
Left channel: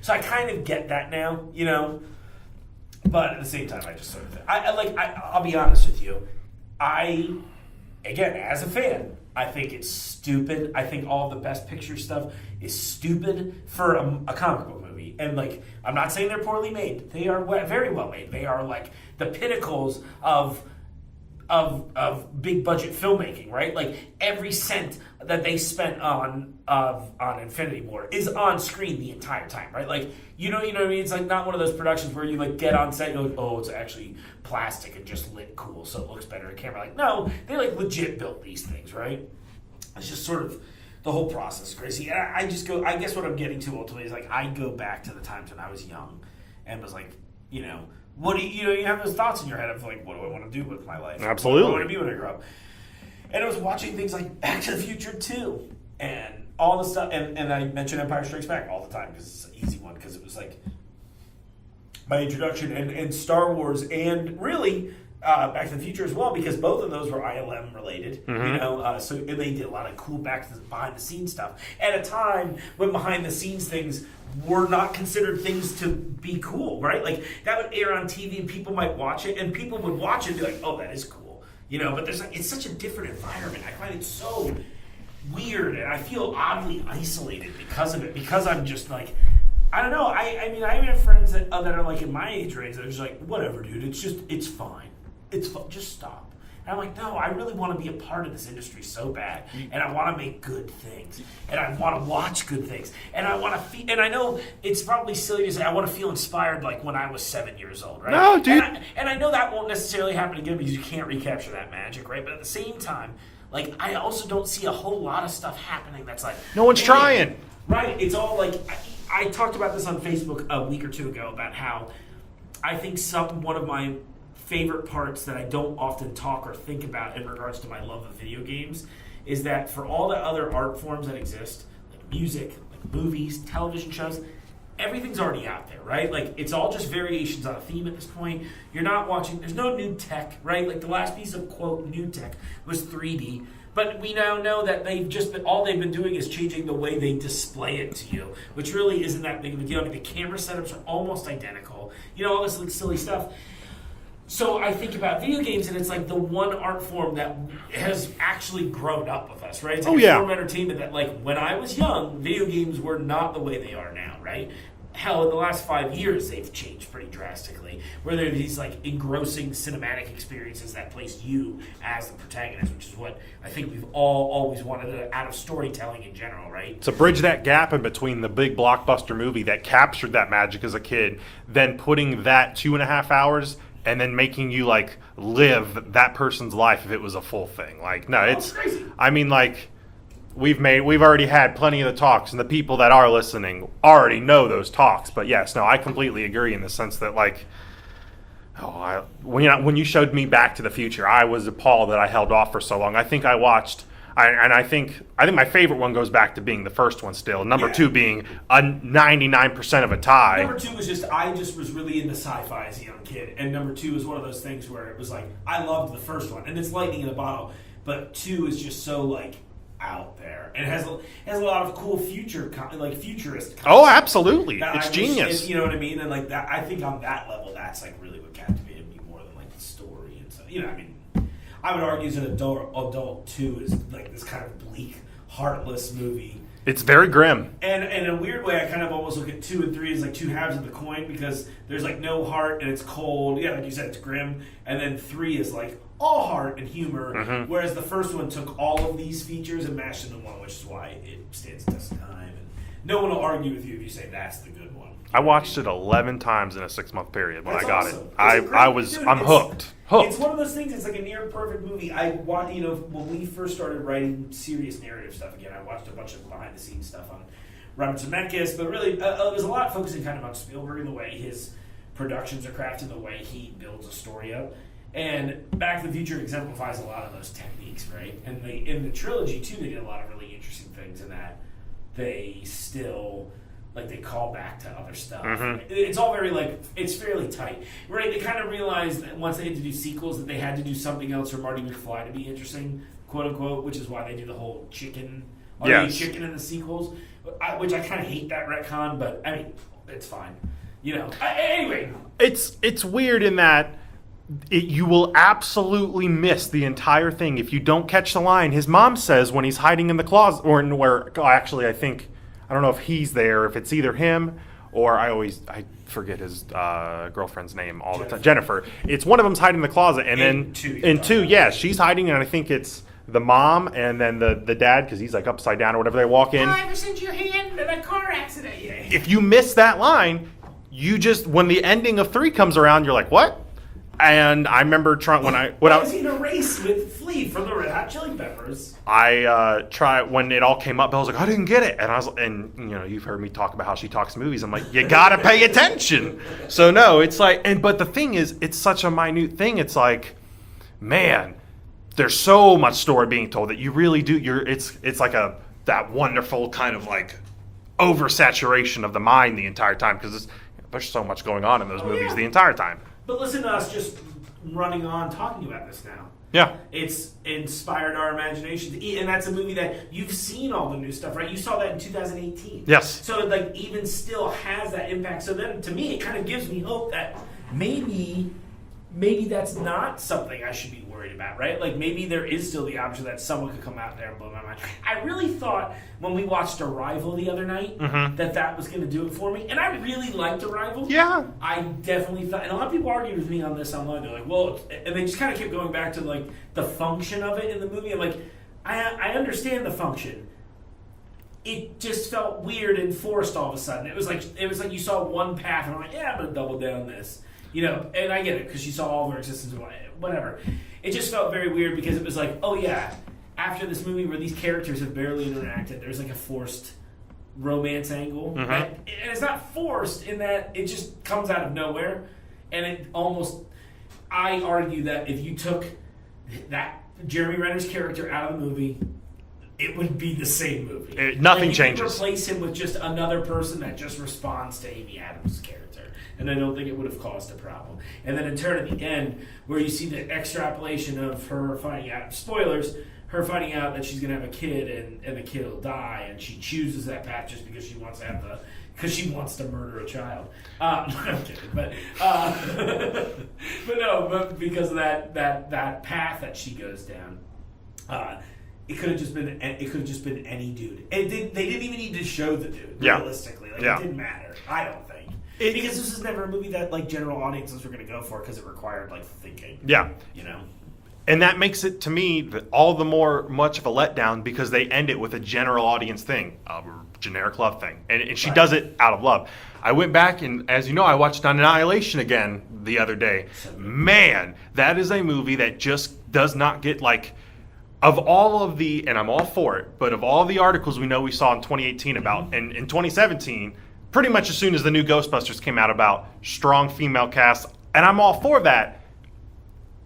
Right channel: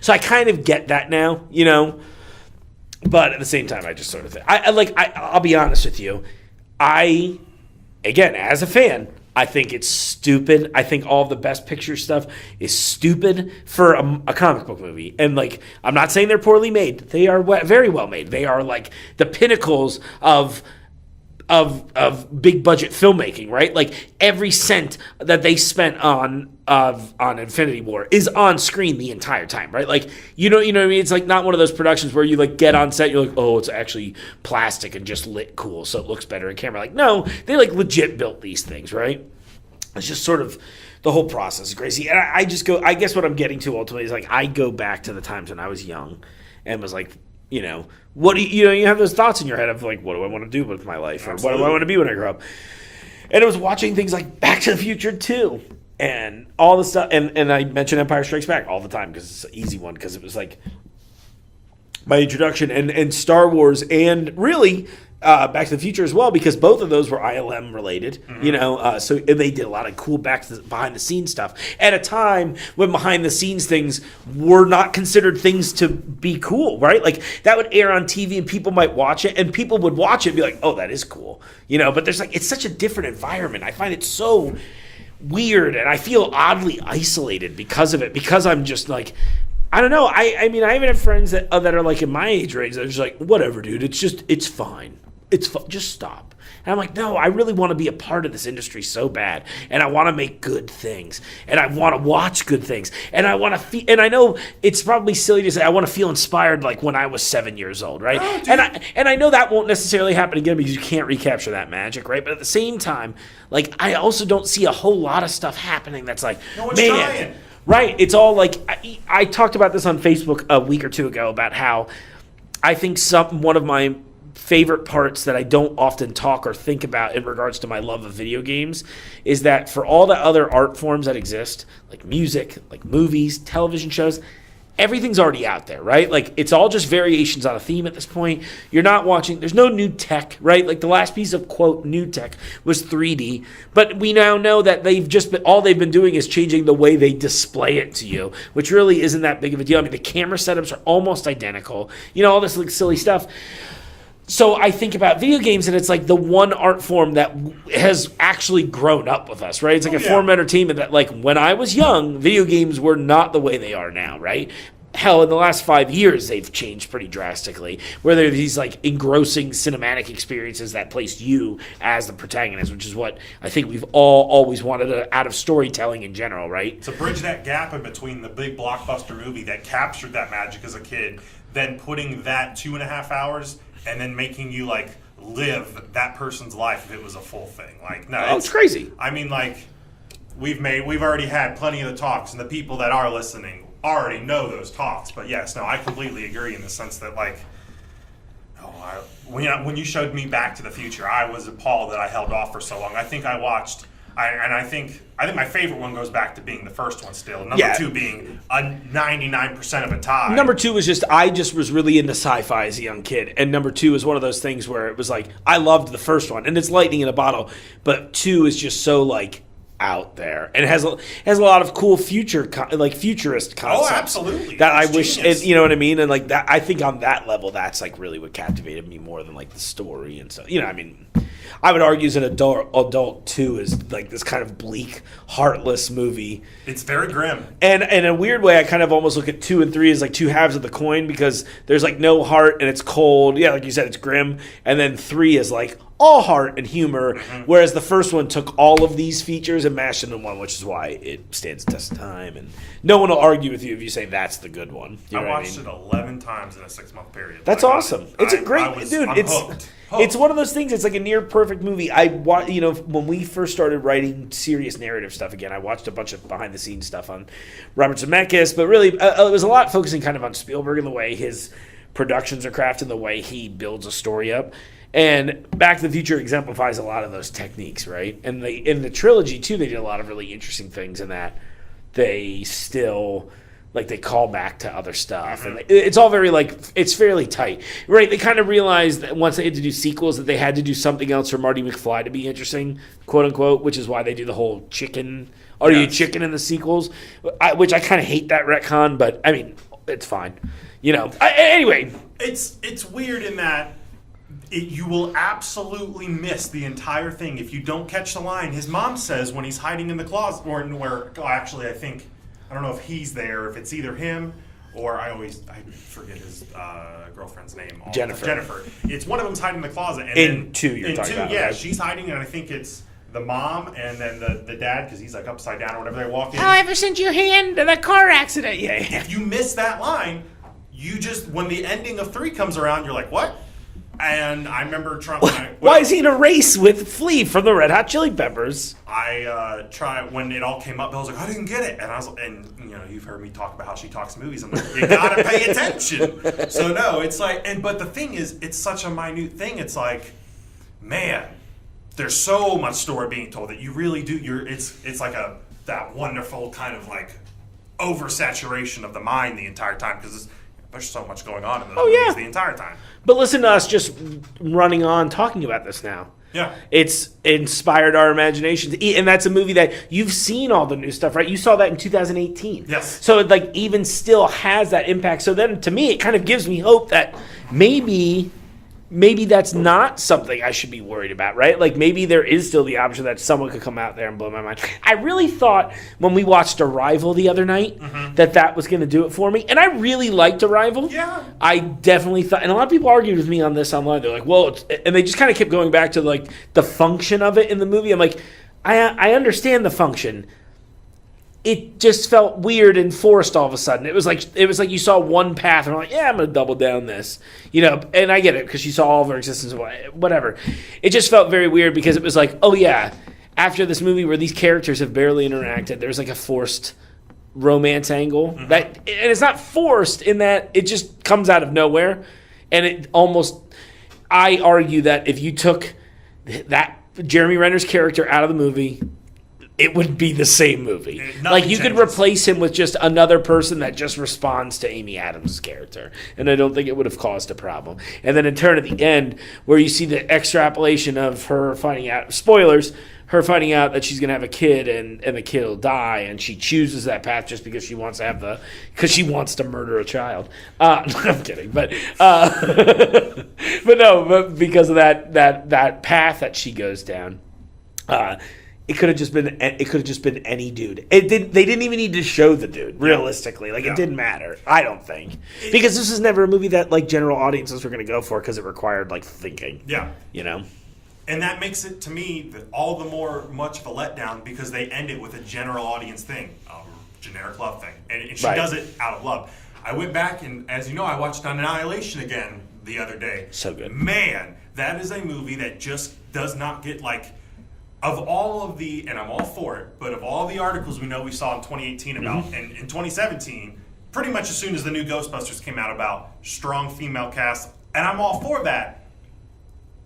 I kind of get that now, But at the same time, I just sort of think I'll be honest with you. Again, as a fan, I think it's stupid. I think all of the Best Picture stuff is stupid for a comic book movie. And like, I'm not saying they're poorly made. They are very well made. They are like the pinnacles of big budget filmmaking, right? Like every cent that they spent on Infinity War is on screen the entire time, right? Like you know what I mean? It's like not one of those productions where you like get on set, you're like, oh, it's actually plastic and just lit cool, so it looks better in camera. Like no, they like legit built these things, right? It's just sort of the whole process is crazy. And I just go, I guess what I'm getting to ultimately is like, I go back to the times when I was young and was like, what do you have those thoughts in your head of like, what do I want to do with my life? Absolutely. What do I want to be when I grow up? And it was watching things like Back to the Future 2 and all the stuff. And I mention Empire Strikes Back all the time because it's an easy one because it was like my introduction and Star Wars and really Back to the Future as well because both of those were ILM related, so and they did a lot of cool behind the scenes stuff at a time when behind the scenes things were not considered things to be cool, right? Like that would air on TV and people might watch it and people would watch it and be like, oh, that is cool, but there's like, it's such a different environment. I find it so weird and I feel oddly isolated because of it, because I'm just like, I don't know. I mean, I even have friends that are like in my age range that are just like, whatever, dude. It's fine. It's fun. Just stop. And I'm like, no, I really want to be a part of this industry so bad. And I want to make good things. And I want to watch good things. And I want to feel, and I know it's probably silly to say I want to feel inspired like when I was 7 years old, right? No, dude. And I know that won't necessarily happen again because you can't recapture that magic, right? But at the same time, like I also don't see a whole lot of stuff happening that's like, no one's trying. Right. It's all like, I talked about this on Facebook a week or two ago about how I think one of my favorite parts that I don't often talk or think about in regards to my love of video games is that for all the other art forms that exist, like music, like movies, television shows, everything's already out there, right? Like it's all just variations on a theme at this point. You're not watching, there's no new tech, right? Like the last piece of quote new tech was 3D, but we now know that all they've been doing is changing the way they display it to you, which really isn't that big of a deal. I mean, the camera setups are almost identical, all this like silly stuff. So I think about video games, and it's like the one art form that has actually grown up with us, right? It's like form of entertainment that, like, when I was young, video games were not the way they are now, right? Hell, in the last 5 years, they've changed pretty drastically, where there are these, like, engrossing cinematic experiences that place you as the protagonist, which is what I think we've all always wanted out of storytelling in general, right? To bridge that gap in between the big blockbuster movie that captured that magic as a kid, then putting that 2.5 hours and then making you like live that person's life if it was a full thing. Like, no, it's crazy. I mean, like we've already had plenty of the talks, and the people that are listening already know those talks. But yes, no, I completely agree in the sense that like, when you showed me Back to the Future, I was appalled that I held off for so long. I think I watched. I think my favorite one goes back to being the first one still. Number 2 being a 99% of a tie. Number 2 was I was really into sci-fi as a young kid. And number 2 is one of those things where it was like, I loved the first one. And it's lightning in a bottle. But 2 is just so like out there. And it has a lot of cool futurist concepts. Oh, absolutely. That it's I wish, genius. you know what I mean? And like that, I think on that level, that's like really what captivated me more than like the story and so, I mean... I would argue as an adult 2 is like this kind of bleak, heartless movie. It's very grim. And in a weird way, I kind of almost look at 2 and 3 as like two halves of the coin because there's like no heart and it's cold. Yeah, like you said, it's grim. And then 3 is like all heart and humor, whereas the first one took all of these features and mashed into one, which is why it stands the test of time. And no one will argue with you if you say that's the good one. I watched it 11 times in a 6-month period. That's awesome. It's a great, I'm hooked. It's one of those things. It's like a near perfect movie. When we first started writing serious narrative stuff again, I watched a bunch of behind the scenes stuff on Robert Zemeckis, but really it was a lot focusing kind of on Spielberg and the way his productions are crafted, the way he builds a story up. And Back to the Future exemplifies a lot of those techniques, right? And in the trilogy too, they did a lot of really interesting things in that they still. Like they call back to other stuff. And it's all very it's fairly tight, right? They kind of realized that once they had to do sequels that they had to do something else for Marty McFly to be interesting, quote unquote, which is why they do the whole chicken. Are you chicken in the sequels? Which I kind of hate that retcon, but I mean it's fine. Anyway, it's weird in that. You will absolutely miss the entire thing if you don't catch the line. His mom says when he's hiding in the closet, or I think. I don't know if he's there, if it's either him or I forget his girlfriend's name. Jennifer. It's one of them's hiding in the closet. And in two, she's hiding, and I think it's the mom and then the dad, because he's like upside down or whatever. They walk in. Oh, I ever sent your hand to that car accident? Yeah. If you miss that line, when the ending of 3 comes around, you're like, what? And I remember trying Why is he in a race with Flea from the Red Hot Chili Peppers? I tried when it all came up. I was like, I didn't get it, and I was, and you've heard me talk about how she talks movies. I'm like, you gotta pay attention. So no, it's like, but the thing is, it's such a minute thing. It's like, man, there's so much story being told that you really do. It's like that wonderful kind of like oversaturation of the mind the entire time because there's so much going on in those movies the entire time. But listen to us just running on talking about this now. Yeah. It's inspired our imaginations. And that's a movie that you've seen all the new stuff, right? You saw that in 2018. Yes. So it like even still has that impact. So then to me, it kind of gives me hope that maybe that's not something I should be worried about, right? Like maybe there is still the option that someone could come out there and blow my mind. I really thought when we watched Arrival the other night that was going to do it for me. And I really liked Arrival. Yeah. I definitely thought, and a lot of people argued with me on this online. They're like, well, and they just kind of kept going back to like the function of it in the movie. I'm like, I understand the function. It just felt weird and forced all of a sudden. It was like you saw one path and I'm like, yeah, I'm gonna double down this, And I get it because you saw all of her existence, whatever. It just felt very weird because it was like, oh yeah, after this movie where these characters have barely interacted, there's like a forced romance angle and it's not forced in that it just comes out of nowhere, and it almost. I argue that if you took that Jeremy Renner's character out of the movie, it would be the same movie. Nothing you changes. could replace him with just another person that just responds to Amy Adams' character. And I don't think it would have caused a problem. And then in turn at the end, where you see the extrapolation of her finding out, spoilers, her finding out that she's going to have a kid and the kid will die, and she chooses that path just because she wants to because she wants to murder a child. I'm kidding, but but because of that path that she goes down, it could have just been any dude. They didn't even need to show the dude realistically. It didn't matter. I don't think because this is never a movie that like general audiences were going to go for because it required like thinking. Yeah, And that makes it, to me, all the more much of a letdown because they end it with a general audience thing, a generic love thing. And she does it out of love. I went back and, as you know, I watched Annihilation again the other day. So good. Man, that is a movie that just does not get, of all of the, and I'm all for it, but of all the articles we saw in 2018 about, and in 2017, pretty much as soon as the new Ghostbusters came out about strong female cast, and I'm all for that.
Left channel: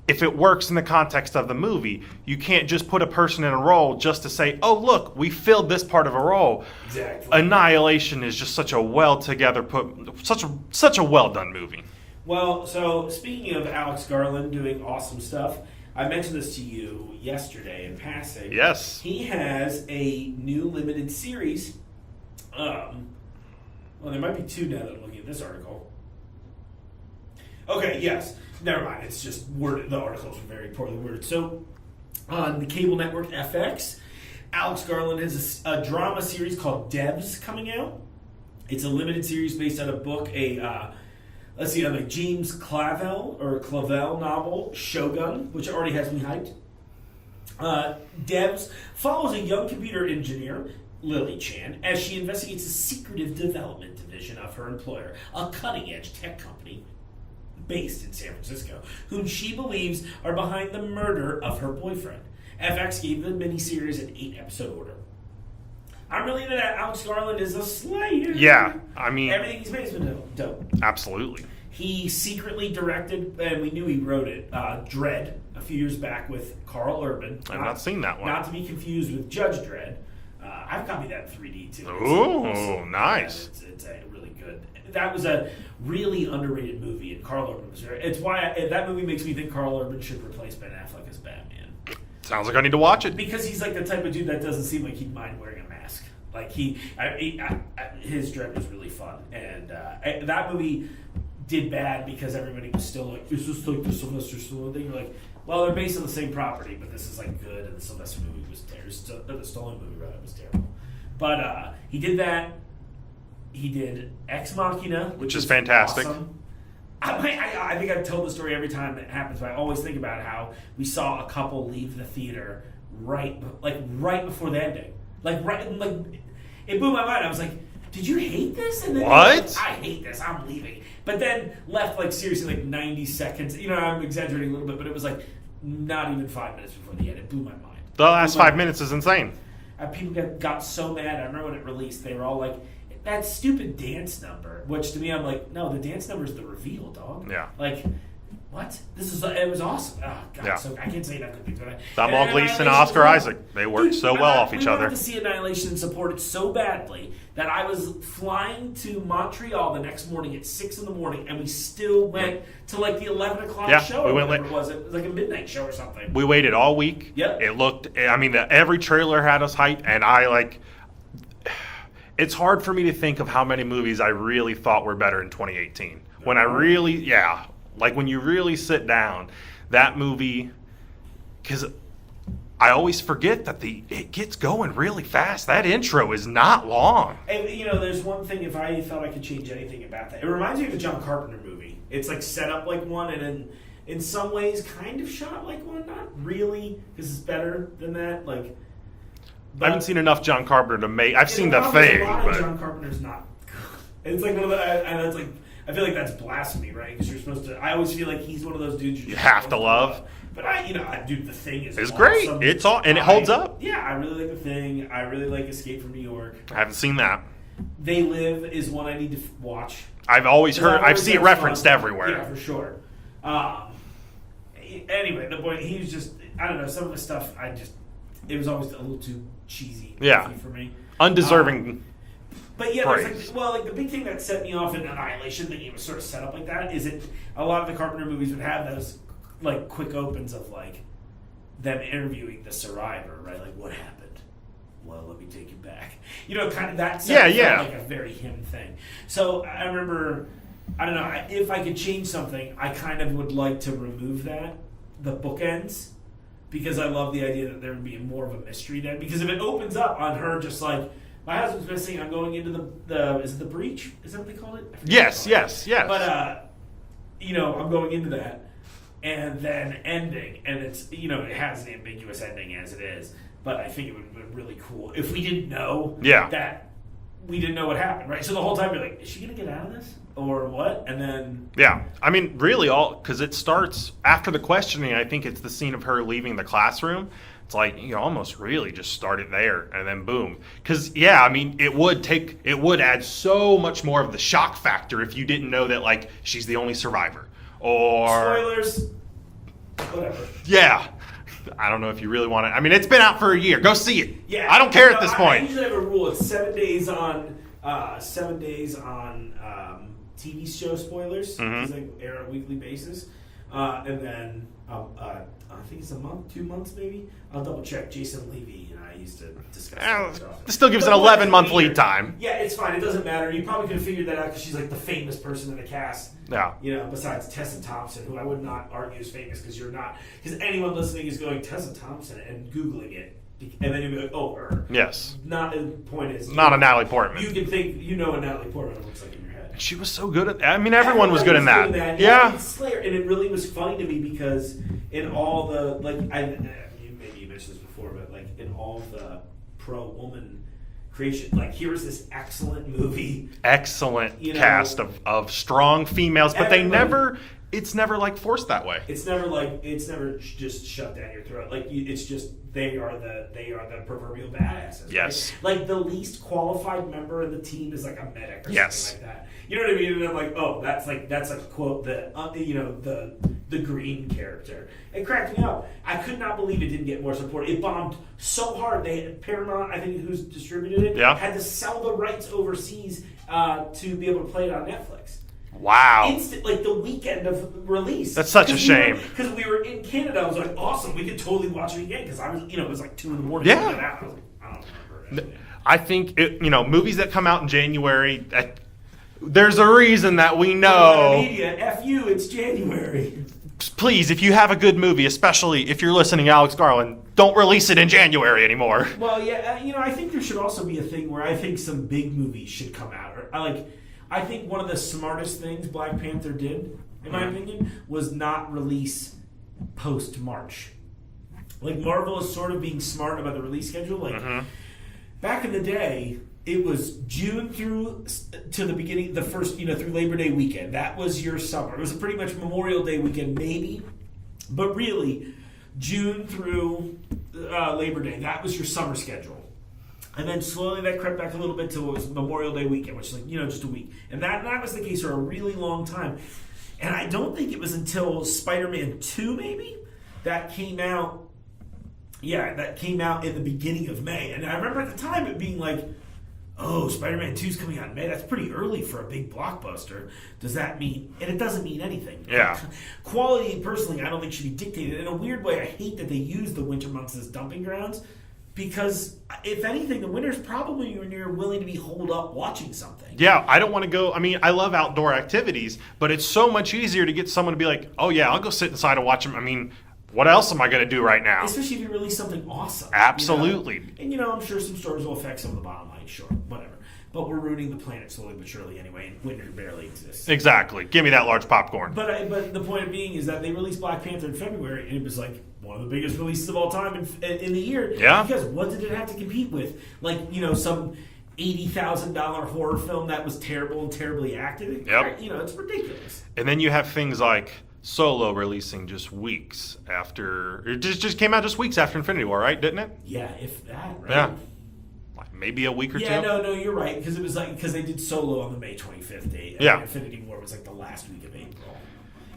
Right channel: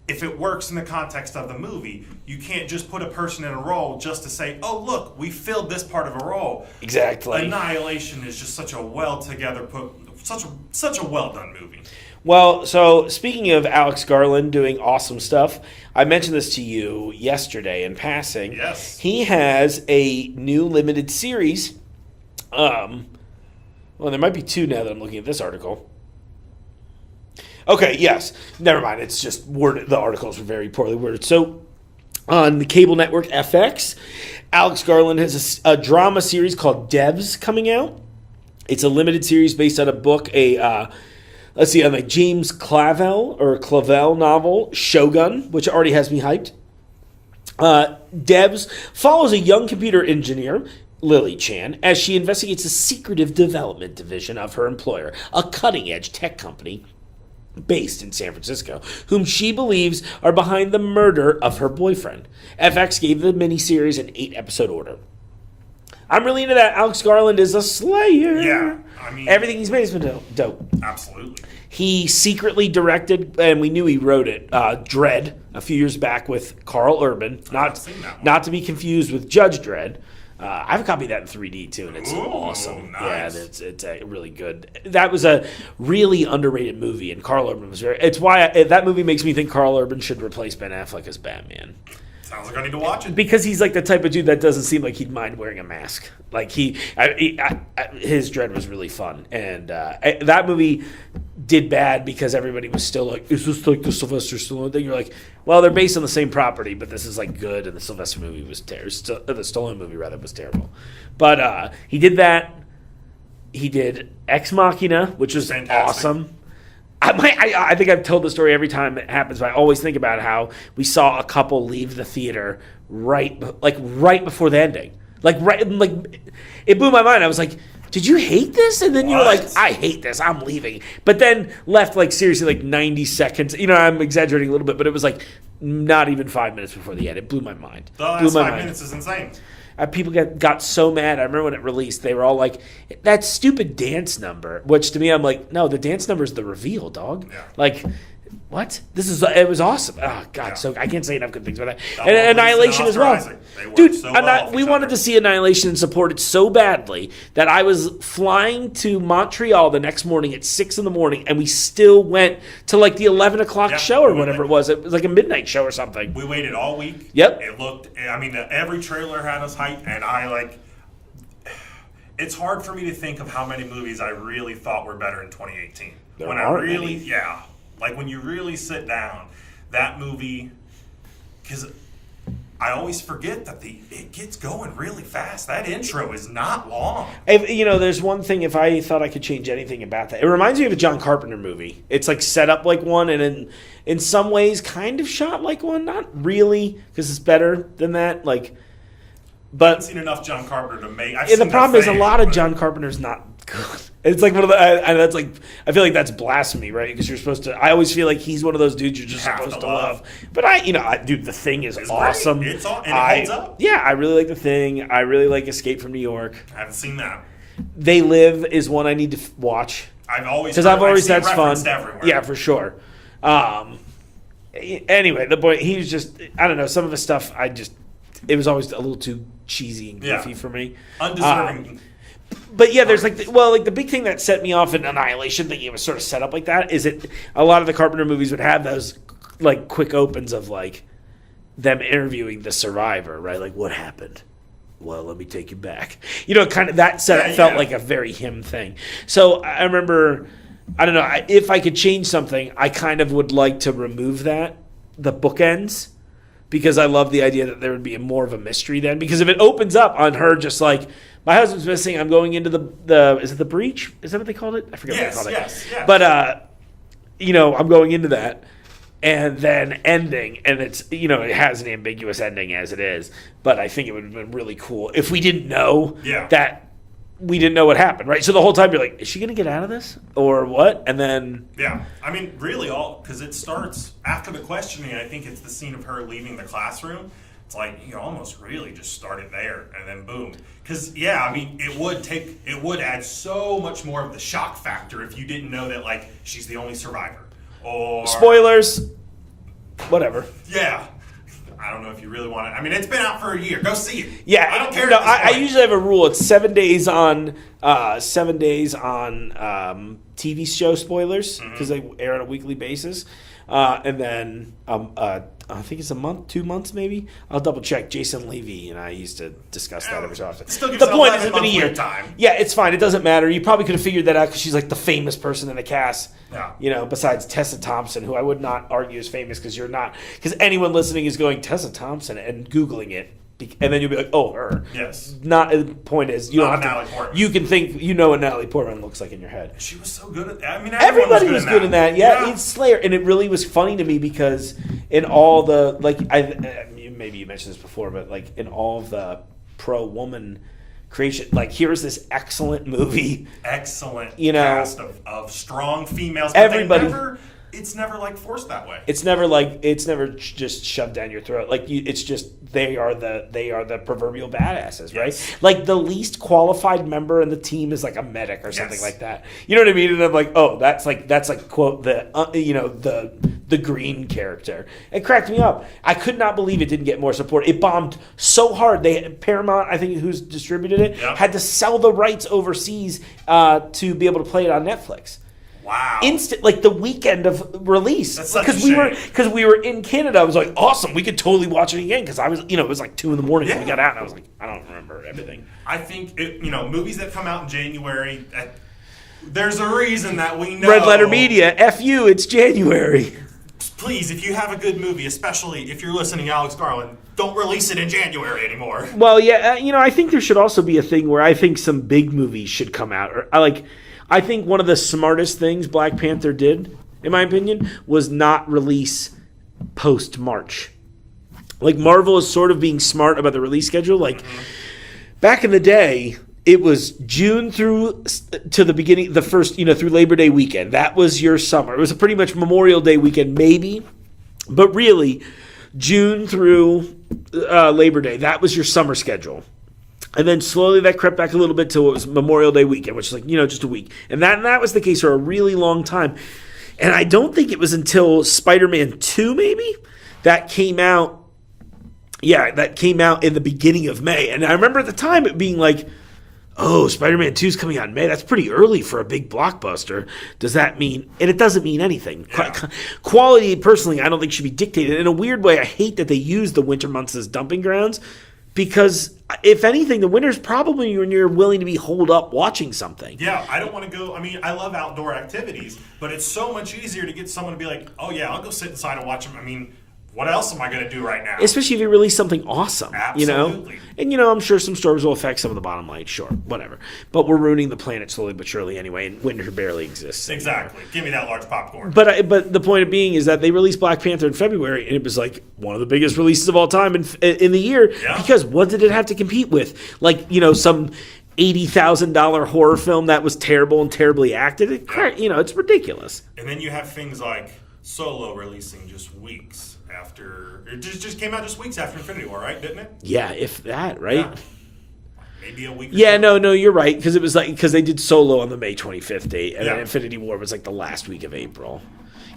If it works in the context of the movie, you can't just put a person in a role just to say, oh, look, we filled this part of a role. Exactly. Annihilation is just such a such a well-done movie. Well, so speaking of Alex Garland doing awesome stuff, I mentioned this to you yesterday in passing. Yes. He has a new limited series. Well, there might be two now that I'm looking at this article. Okay, yes. Never mind. It's just worded. The articles were very poorly worded. So, on the cable network FX, Alex Garland has a drama series called Debs coming out. It's a limited series based on a book, on a James Clavell novel, Shogun, which already has me hyped. Debs follows a young computer engineer, Lily Chan, as she investigates the secretive development division of her employer, a cutting-edge tech company based in San Francisco, whom she believes are behind the murder of her boyfriend. FX gave the miniseries an 8-episode order. I'm really into that. Alex Garland is a slayer. Yeah, I mean, everything he's made has been dope. Absolutely. He secretly directed, and we knew he wrote it, Dredd, a few years back with Carl Urban. I've not seen that one. Not to be confused with Judge Dredd. I have a copy of that in 3D too. And it's awesome. Nice. Yeah, it's a really good. That was a really underrated movie, and Carl Urban was very. It's why that movie makes me think Carl Urban should replace Ben Affleck as Batman. Sounds like I need to watch it because he's like the type of dude that doesn't seem like he'd mind wearing a mask. Like his Dredd was really fun, and that movie did bad because everybody was still like, "Is this like the Sylvester Stallone thing?" You're like, "Well, they're based on the same property, but this is like good." And the Sylvester movie was terrible. The Stallone movie rather was terrible. But he did that. He did Ex Machina, which was fantastic. Awesome. I think I've told the story every time it happens, but I always think about how we saw a couple leave the theater right before the ending. It blew my mind. I was like, did you hate this? And then you're like, What? I hate this. I'm leaving. But then left like seriously like 90 seconds. You know, I'm exaggerating a little bit, but it was like not even 5 minutes before the end. It blew my mind. The last Blew my 5 mind. minutes is insane. People got so mad. I remember when it released, they were all like, that stupid dance number. Which to me, I'm like, no, the dance number is the reveal, dog. Yeah. Like, what? It was awesome. Oh, God. Yeah. So I can't say enough good things about that. Donald Gleason and as Oscar well. Isaac. They worked so well off we each wanted other. to see Annihilation and support it so badly that I was flying to Montreal the next morning at 6 in the morning, and we still went to like the 11 o'clock Yeah, show or we went whatever late. it was. It was like a midnight show or something. We waited all week. Yep. It looked, I mean, every trailer had us hyped, and it's hard for me to think of how many movies I really thought were better in 2018. When I are really, yeah, like when you really sit down, that movie, because I always forget that it gets going really fast. That intro is not long. There's one thing, if I thought I could change anything about that, it reminds me of a John Carpenter movie. It's like set up like one, and in some ways kind of shot like one. Not really, because it's better than that. Like, I haven't seen enough John Carpenter to make. I've the seen problem is thing, a lot of but- John Carpenter's not good. It's like one of the, and that's like, I feel like that's blasphemy, right? Because you're supposed to. I always feel like he's one of those dudes you're just have supposed to love. But dude, the Thing is It's awesome. great. It's all, and it holds up. Yeah, I really like the Thing. I really like Escape from New York. I haven't seen that. They Live is one I need to watch. I've always Because heard, I've always I've seen said it it's referenced fun. everywhere. Yeah, for sure. Anyway, the boy, he was just, I don't know, some of the stuff it was always a little too cheesy and goofy for me. Undeserving. But yeah, there's praise. the big thing that set me off in Annihilation, thinking it was sort of set up like that, is it a lot of the Carpenter movies would have those like quick opens of like them interviewing the survivor, right? Like, what happened? Well, let me take you back. Kind of that felt like a very him thing. So I remember, I don't know, if I could change something, I kind of would like to remove the bookends, because I love the idea that there would be more of a mystery then. Because if it opens up on her just like, my husband's missing, I'm going into the is it the breach? Is that what they called it? I forget what they called it. Yes. But I'm going into that, and then ending, and it's it has an ambiguous ending as it is. But I think it would have been really cool if we didn't know that we didn't know what happened, right? So the whole time you're like, is she gonna get out of this or what? And then I mean, really, because it starts after the questioning. I think it's the scene of her leaving the classroom. It's like you almost really just start it there and then boom. Because I mean, it would add so much more of the shock factor if you didn't know that like she's the only survivor. Or spoilers, whatever. Yeah. I don't know if you really want to. I mean, it's been out for a year. Go see it. Yeah, I don't care at this point. I usually have a rule. It's 7 days on TV show spoilers, because they air on a weekly basis, and then I think it's a month, 2 months maybe. I'll double check. Jason Levy and I used to discuss that every so often. It still gives The it point is 11 month it's been a year. lead time. Yeah, it's fine. It doesn't matter. You probably could have figured that out because she's like the famous person in the cast. Yeah. Besides Tessa Thompson, who I would not argue is famous because you're not. Because anyone listening is going Tessa Thompson and Googling it. And then you'll be like, oh, her. Yes. The point is, Not a Natalie Portman. You can think what Natalie Portman looks like in your head. She was so good at. I mean, everyone was good in that. Yeah, it's Slayer, and it really was funny to me because in all the maybe you mentioned this before, but like in all of the pro woman creation, like here's this excellent movie, excellent cast of strong females, but it's never like forced that way. It's never just shoved down your throat. Like it's just they are the proverbial badasses, Yes. right? Like the least qualified member in the team is like a medic or something like that. You know what I mean? And I'm like, oh, that's like quote the green character. It cracked me up. I could not believe it didn't get more support. It bombed so hard. Paramount, I think, who's distributed it, had to sell the rights overseas to be able to play it on Netflix. Wow. Instant, like the weekend of release. That's such a shame. Because we were in Canada. I was like, awesome, we could totally watch it again. Because I was, it was like 2 a.m. when we got out. And I was like, I don't remember everything. I think, movies that come out in January, there's a reason that we know. Red Letter Media, F you, it's January. Please, if you have a good movie, especially if you're listening to Alex Garland, don't release it in January anymore. Well, yeah, I think there should also be a thing where I think some big movies should come out. I think one of the smartest things Black Panther did, in my opinion, was not release post-March. Like, Marvel is sort of being smart about the release schedule. Like, back in the day, it was June through to the beginning, the first, through Labor Day weekend. That was your summer. It was a pretty much Memorial Day weekend, maybe, but really June through Labor Day. That was your summer schedule. And then slowly that crept back a little bit till it was Memorial Day weekend, which is like, just a week. And that was the case for a really long time. And I don't think it was until Spider-Man 2, maybe, that came out. Yeah, that came out in the beginning of May. And I remember at the time it being like, oh, Spider-Man 2 is coming out in May. That's pretty early for a big blockbuster. Does that mean... And it doesn't mean anything. Yeah. Quality, personally, I don't think should be dictated. In a weird way, I hate that they use the winter months as dumping grounds because, if anything, the winter's probably when you're willing to be holed up watching something. Yeah, I don't want to go... I mean, I love outdoor activities, but it's so much easier to get someone to be like, oh, yeah, I'll go sit inside and watch them. I mean... What else am I going to do right now? Especially if you release something awesome. Absolutely. And, I'm sure some stores will affect some of the bottom line. Sure, whatever. But we're ruining the planet slowly but surely anyway, and winter barely exists. Exactly. Give me that large popcorn. But the point of being is that they released Black Panther in February, and it was like one of the biggest releases of all time in the year. Yeah. Because what did it have to compete with? Like, some $80,000 horror film that was terrible and terribly acted. It's ridiculous. And then you have things like... Solo releasing just weeks after... It just came out just weeks after Infinity War, right? Didn't it? Yeah, if that, right? Yeah. Like maybe a week or two. Yeah, no, you're right. Because it was because they did Solo on the May 25th date. And Infinity War was like the last week of April.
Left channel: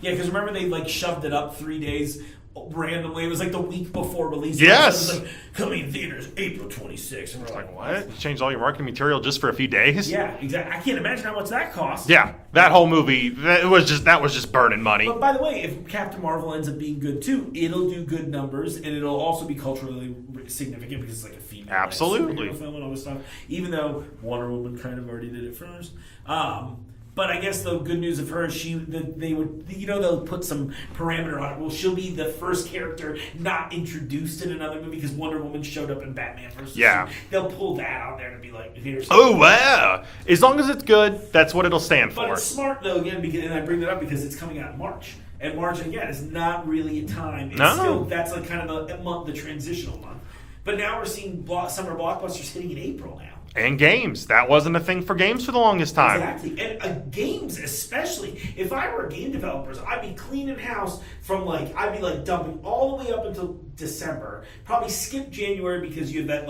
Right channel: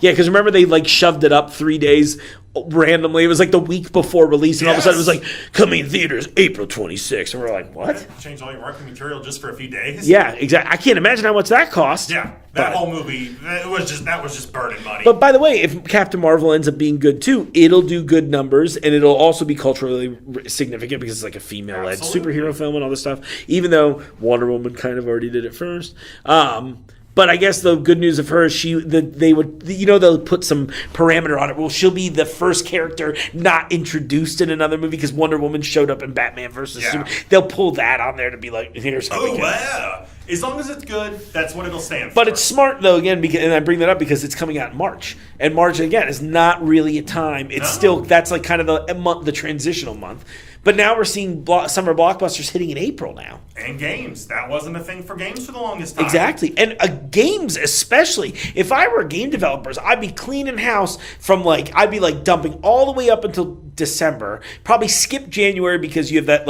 Yeah, because remember they shoved it up 3 days randomly. It was like the week before release. And all of a sudden it was like, coming in theaters April 26th. And we're like, what? Yeah, changed all your marketing material just for a few days? Yeah, exactly. I can't imagine how much that cost. Yeah, that whole movie, that was just burning money. But by the way, if Captain Marvel ends up being good too, it'll do good numbers, and it'll also be culturally significant because it's like a female-led superhero film and all this stuff, even though Wonder Woman kind of already did it first. But I guess the good news of her is they'll put some parameter on it. Well, she'll be the first character not introduced in another movie because Wonder Woman showed up in Batman vs. Superman. They'll pull that on there to be like, here's something. Oh, wow. As long as it's good, that's what it'll stand for. But it's smart, though, again, and I bring that up because it's coming out in March. And March, again, is not really a time. It's still, that's like kind of the transitional month. But now we're seeing summer blockbusters hitting in April now. And games. That wasn't a thing for games for the longest time. Exactly. And games especially. If I were game developers, I'd be cleaning house from I'd be dumping all the way up until December. Probably skip January because you have that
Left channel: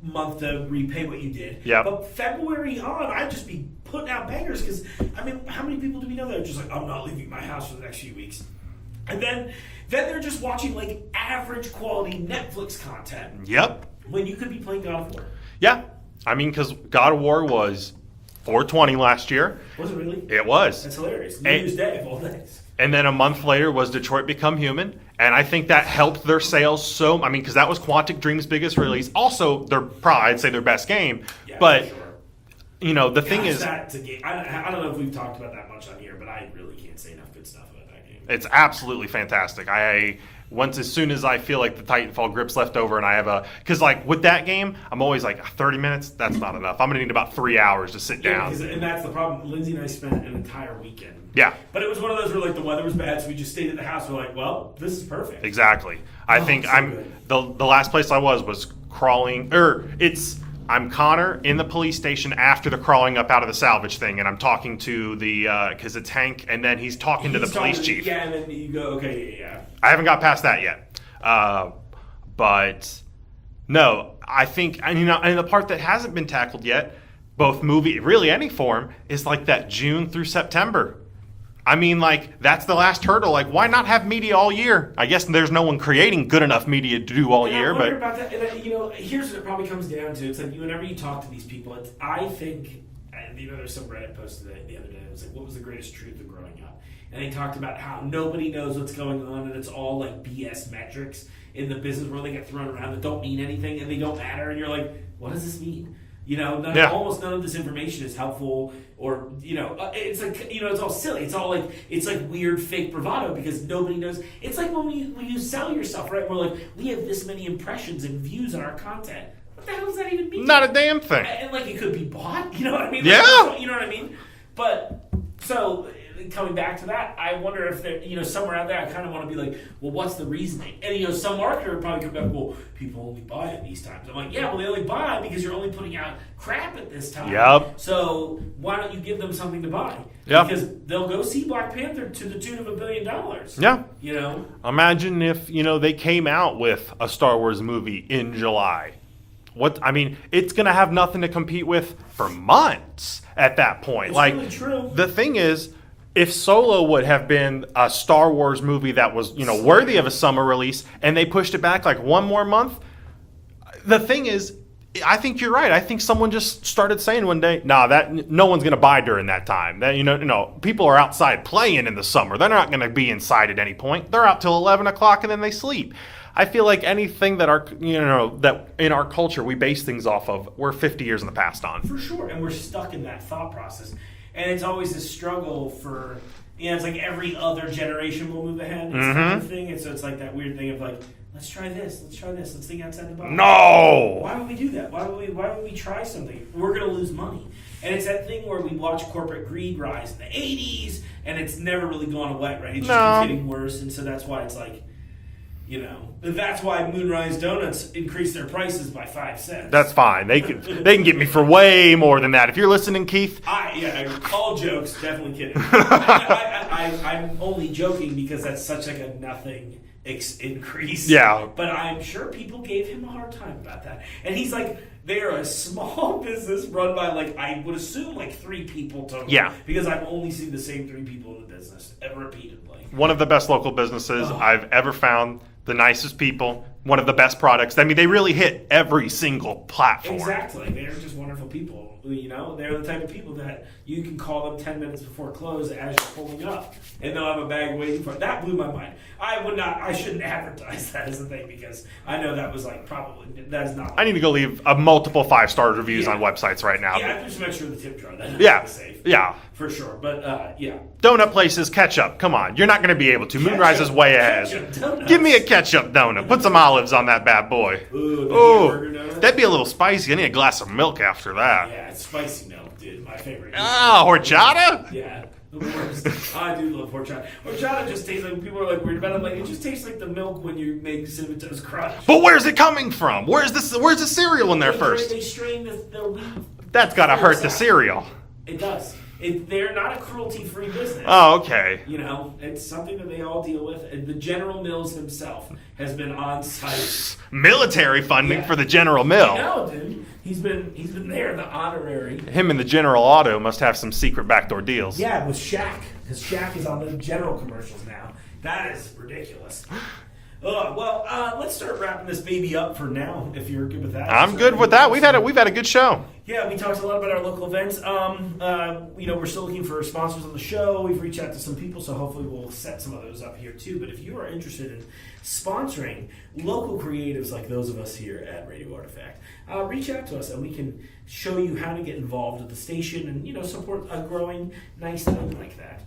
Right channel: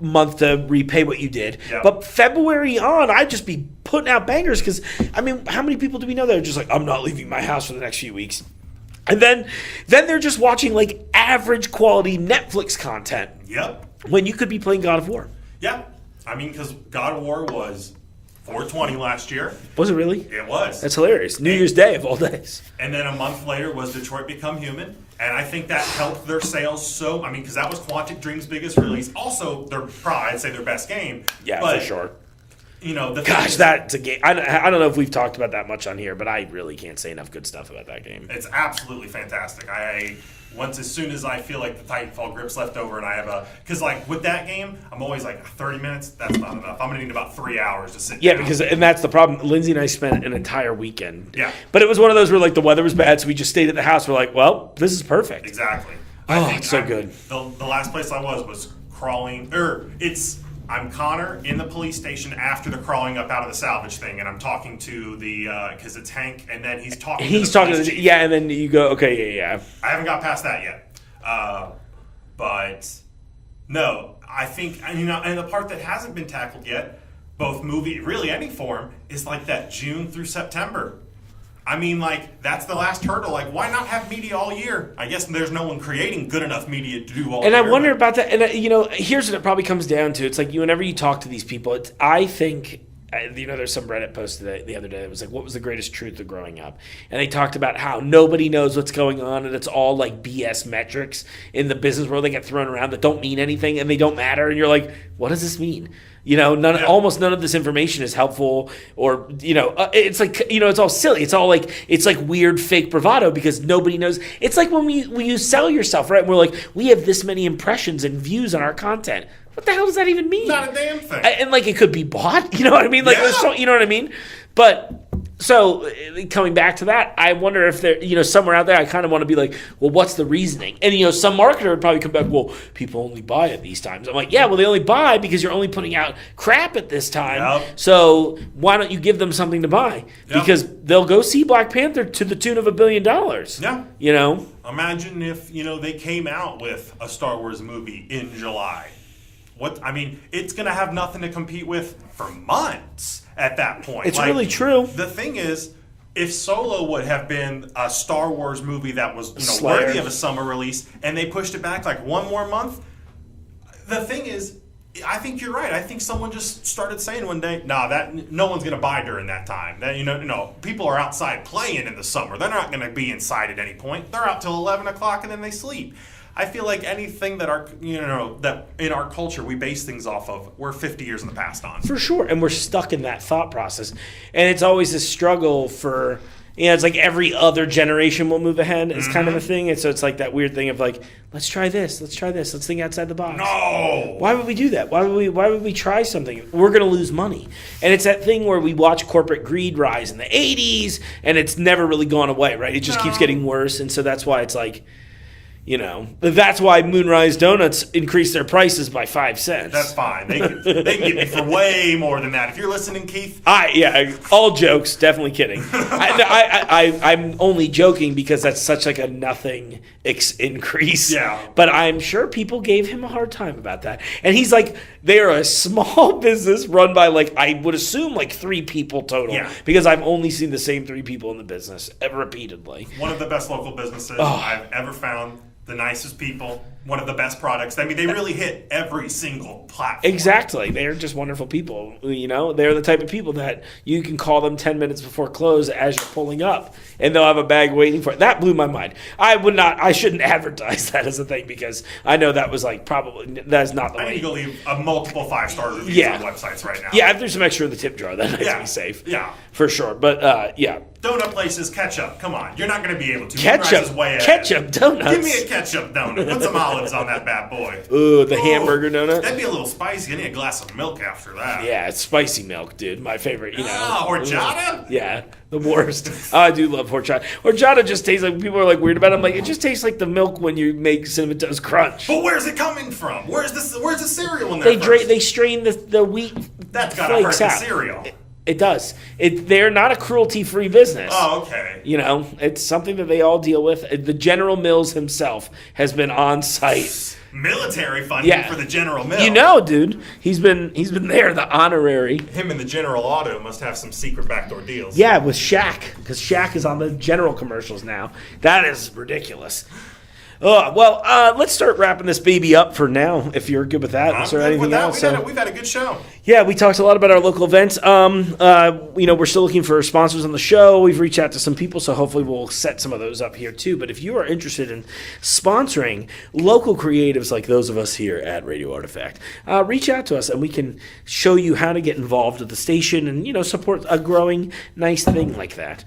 month to repay what you did. Yep. But February on, I'd just be putting out bangers because, how many people do we know that are just I'm not leaving my house for the next few weeks? And then they're just watching average quality Netflix content. Yep. When you could be playing God of War. Yeah. Because God of War was $420 last year. Was it really? It was. That's hilarious. New Year's Day of all days. And then a month later was Detroit Become Human. And I think that helped their sales so... because that was Quantic Dream's biggest release. Also, I'd say their best game. Yeah, but, for sure. The thing is... that's a game. I don't know if we've talked about that much on here, but I really can't say enough good stuff about that game. It's absolutely fantastic. As soon as I feel like the Titanfall grip's left over and I have because with that game, I'm always 30 minutes, that's not enough. I'm going to need about 3 hours to sit down. Yeah, and that's the problem. Lindsay and I spent an entire weekend. Yeah. But it was one of those where the weather was bad, so we just stayed at the house. We're like, well, this is perfect. Exactly. I think so good. The last place I was crawling, I'm Connor in the police station after the crawling up out of the salvage thing, and I'm talking to because it's Hank, and then he's talking to the police chief. Yeah, and then you go, okay, yeah. I haven't got past that yet. But no, I think, and the part that hasn't been tackled yet, both movie, really any form, is that June through September. That's the last hurdle. Why not have media all year? I guess there's no one creating good enough media to do all year. And I wonder about that. And, here's what it probably comes down to. It's whenever you talk to these people, I think, there's some Reddit post the other day that was what was the greatest truth of growing up? And they talked about how nobody knows what's going on, and it's all BS metrics in the business world that get thrown around that don't mean anything, and they don't matter. And you're like, what does this mean? Almost none of this information is helpful, or it's it's all silly. It's all it's weird fake bravado because nobody knows. It's when you sell yourself, right? We're we have this many impressions and views on our content. What the hell does that even mean? Not a damn thing. And it could be bought. You know what I mean? Yeah. You know what I mean? But So coming back to that, I wonder if there, somewhere out there, I kind of want to be like, well, what's the reasoning? And some marketer would probably come back, well, people only buy at these times. I'm like, yeah, well, they only buy because you're only putting out crap at this time. Yep. So why don't you give them something to buy? Yep. Because they'll go see Black Panther to the tune of $1 billion. Yeah. Imagine if they came out with a Star Wars movie in July. It's going to have nothing to compete with for months at that point. It's really true. The thing is, if Solo would have been a Star Wars movie that was, worthy of a summer release, and they pushed it back like one more month, the thing is, I think you're right. I think someone just started saying one day, that no one's going to buy during that time. That people are outside playing in the summer. They're not going to be inside at any point. They're out till 11 o'clock and then they sleep. I feel like anything that that in our culture we base things off of, we're 50 years in the past on. For sure, and we're stuck in that thought process, and it's always a struggle for. It's like every other generation will move ahead. It's kind of a thing, and so it's like that weird thing of like, let's try this, let's think outside the box. No, why would we do that? Why would we try something? We're gonna lose money, and it's that thing where we watch corporate greed rise in the '80s, and it's never really gone away, right? It just keeps getting worse, and so that's why it's like. That's why Moonrise Doughnuts increased their prices by 5 cents. That's fine. They can get me for way more than that. If you're listening, Keith. All jokes, definitely kidding. I'm only joking because that's such like a nothing increase. Yeah. But I'm sure people gave him a hard time about that. And he's like, they're a small business run by I would assume 3 people total. Yeah. Because I've only seen the same 3 people in the business repeatedly. One of the best local businesses I've ever found. The nicest people, one of the best products. They really hit every single platform. Exactly. They're just wonderful people. They're the type of people that you can call them 10 minutes before close as you're pulling up, and they'll have a bag waiting for it. That blew my mind. I shouldn't advertise that as a thing because I know that was probably, that's not the I need to go leave a multiple 5-star reviews on websites right now. Yeah, if there's some extra in the tip jar, then I'd be safe. Yeah. For sure. But, Donut places, ketchup. Come on. You're not going to be able to. Moonrise is way ahead. Ketchup donuts. Give me a ketchup donut. Put some olives on that bad boy. Ooh, the hamburger donut. That'd be a little spicy. I need a glass of milk after that. Yeah, it's spicy milk, dude. My favorite. Horchata? Yeah, the worst. I do love horchata. Horchata just tastes like, people are weird about it. I'm like, it just tastes like the milk when you make Cinnamon Toast Crunch. But where's it coming from? Where's the cereal in there first? They strain the wheat. That's got to hurt the cereal. It does. They're not a cruelty-free business. Oh, okay. It's something that they all deal with. The General Mills himself has been on site. Military funding for the General Mills. Dude, he's been there, the honorary. Him and the General Auto must have some secret backdoor deals. Yeah, with Shaq, because Shaq is on the General commercials now. That is ridiculous. Let's start wrapping this baby up for now, if you're good with that. I'm good with that. We've had a good show. Yeah, we talked a lot about our local events. We're still looking for sponsors on the show. We've reached out to some people, so hopefully we'll set some of those up here too. But if you are interested in sponsoring local creatives like those of us here at Radio Artifact, reach out to us and we can show you how to get involved with the station and support a growing nice thing like that.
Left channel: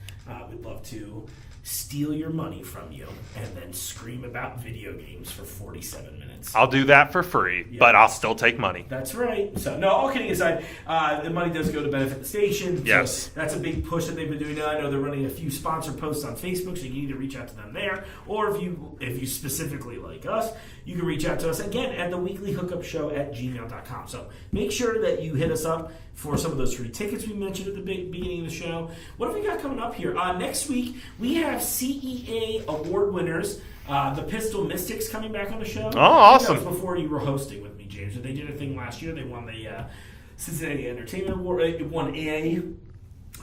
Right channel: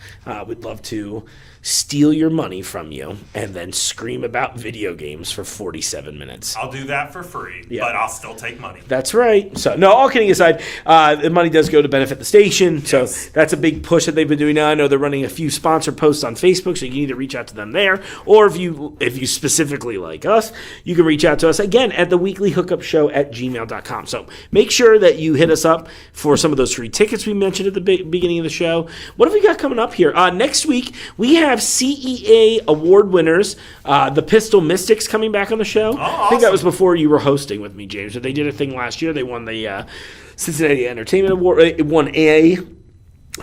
We'd love to steal your money from you and then scream about video games for 47 minutes. I'll do that for free, but I'll still take money. That's right. So, no, all kidding aside, the money does go to benefit the station. Yes. So that's a big push that they've been doing now. I know they're running a few sponsor posts on Facebook, so you can either reach out to them there, or if you specifically like us, you can reach out to us again at the weekly hookup show at gmail.com. So make sure that you hit us up for some of those free tickets we mentioned at the beginning of the show. What have we got coming up here? Next week, we have CEA award winners, the Pistol Mystics, coming back on the show. Oh, I think that awesome. was before you were hosting with me, James. But they did a thing last year. They won the Cincinnati Entertainment Award. They won a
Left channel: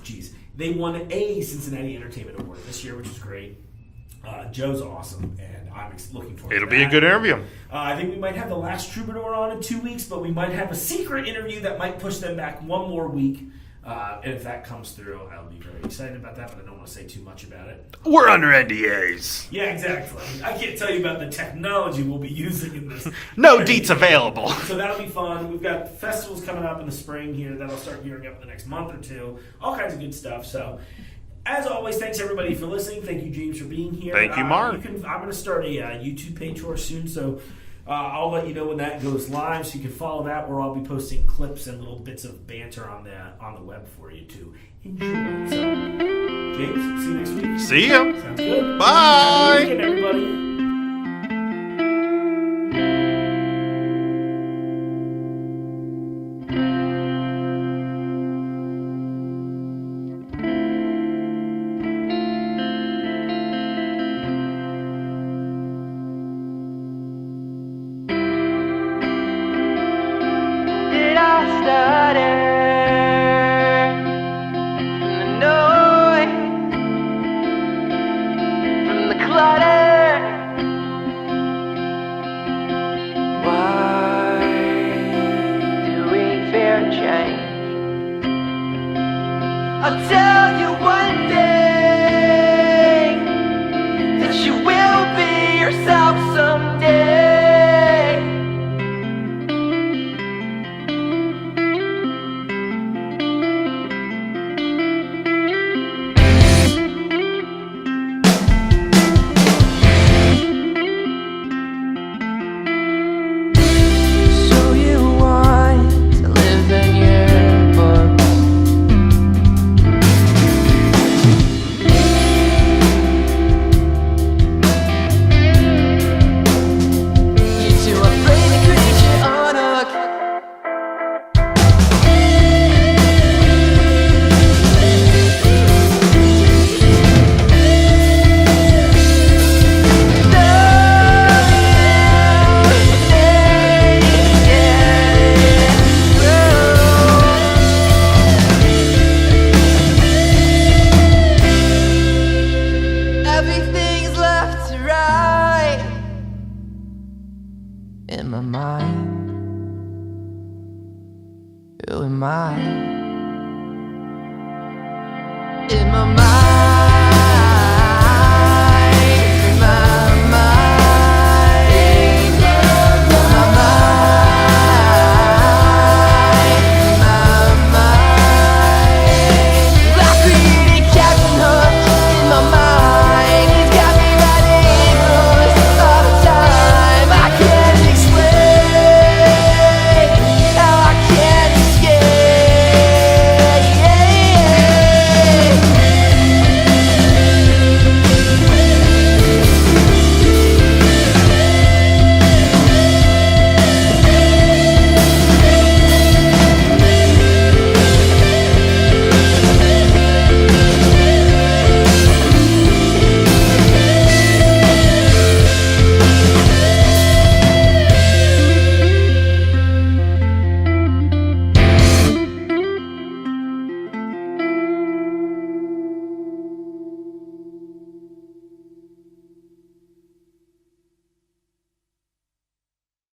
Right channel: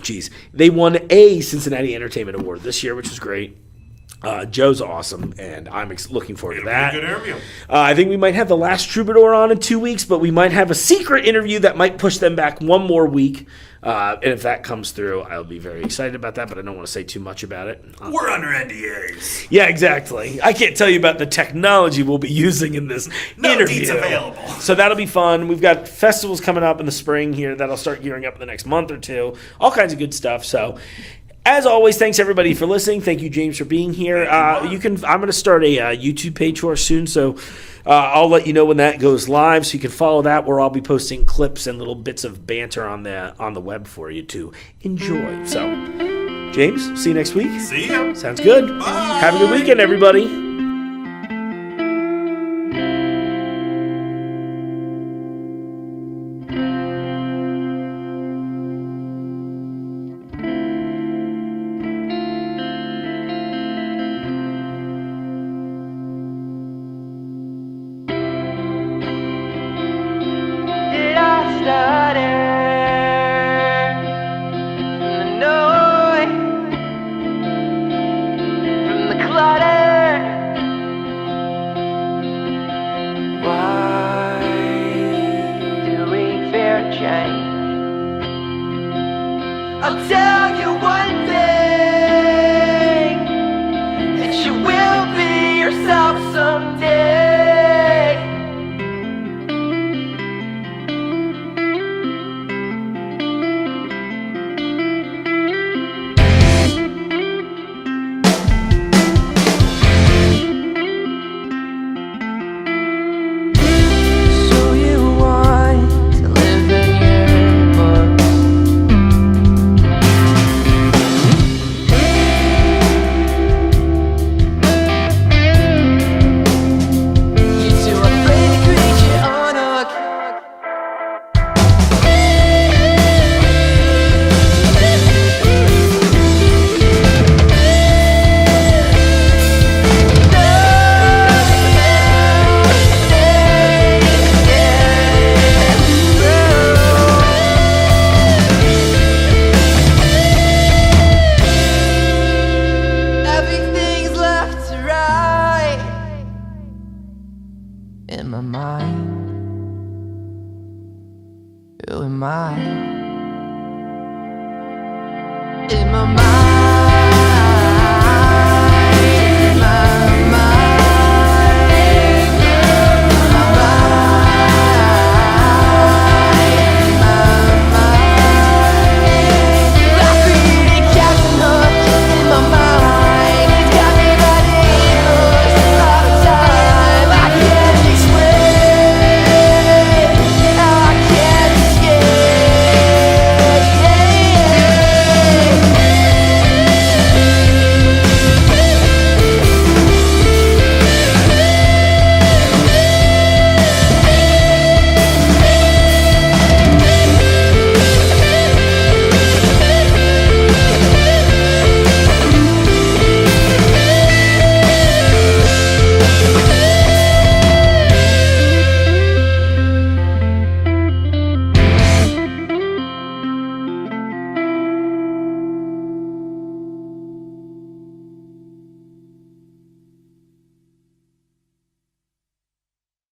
Cincinnati Entertainment Award this year, which was great. Joe's awesome, and I'm looking forward to that. It'll be a good interview. I think we might have the Last Troubadour on in 2 weeks, but we might have a secret interview that might push them back one more week. And if that comes through, I'll be very excited about that, but I don't want to say too much about it. We're under NDAs. Yeah, exactly. I can't tell you about the technology we'll be using in this No interview. deets available. So that'll be fun. We've got festivals coming up in the spring here that'll start gearing up in the next month or two. All kinds of good stuff. So, as always, thanks everybody for listening. Thank you, James, for being here. Thank you, Mark. I'm going to start a YouTube page for us soon, so I'll let you know when that goes live, so you can follow that, where I'll be posting clips and little bits of banter on the web for you to enjoy. So, James, see you next week. See ya. Sounds good. Bye. Have a good weekend, everybody. I'll tell you one day that you will be yourself someday. So you want to live in your books? In my mind, who am I? In my mind.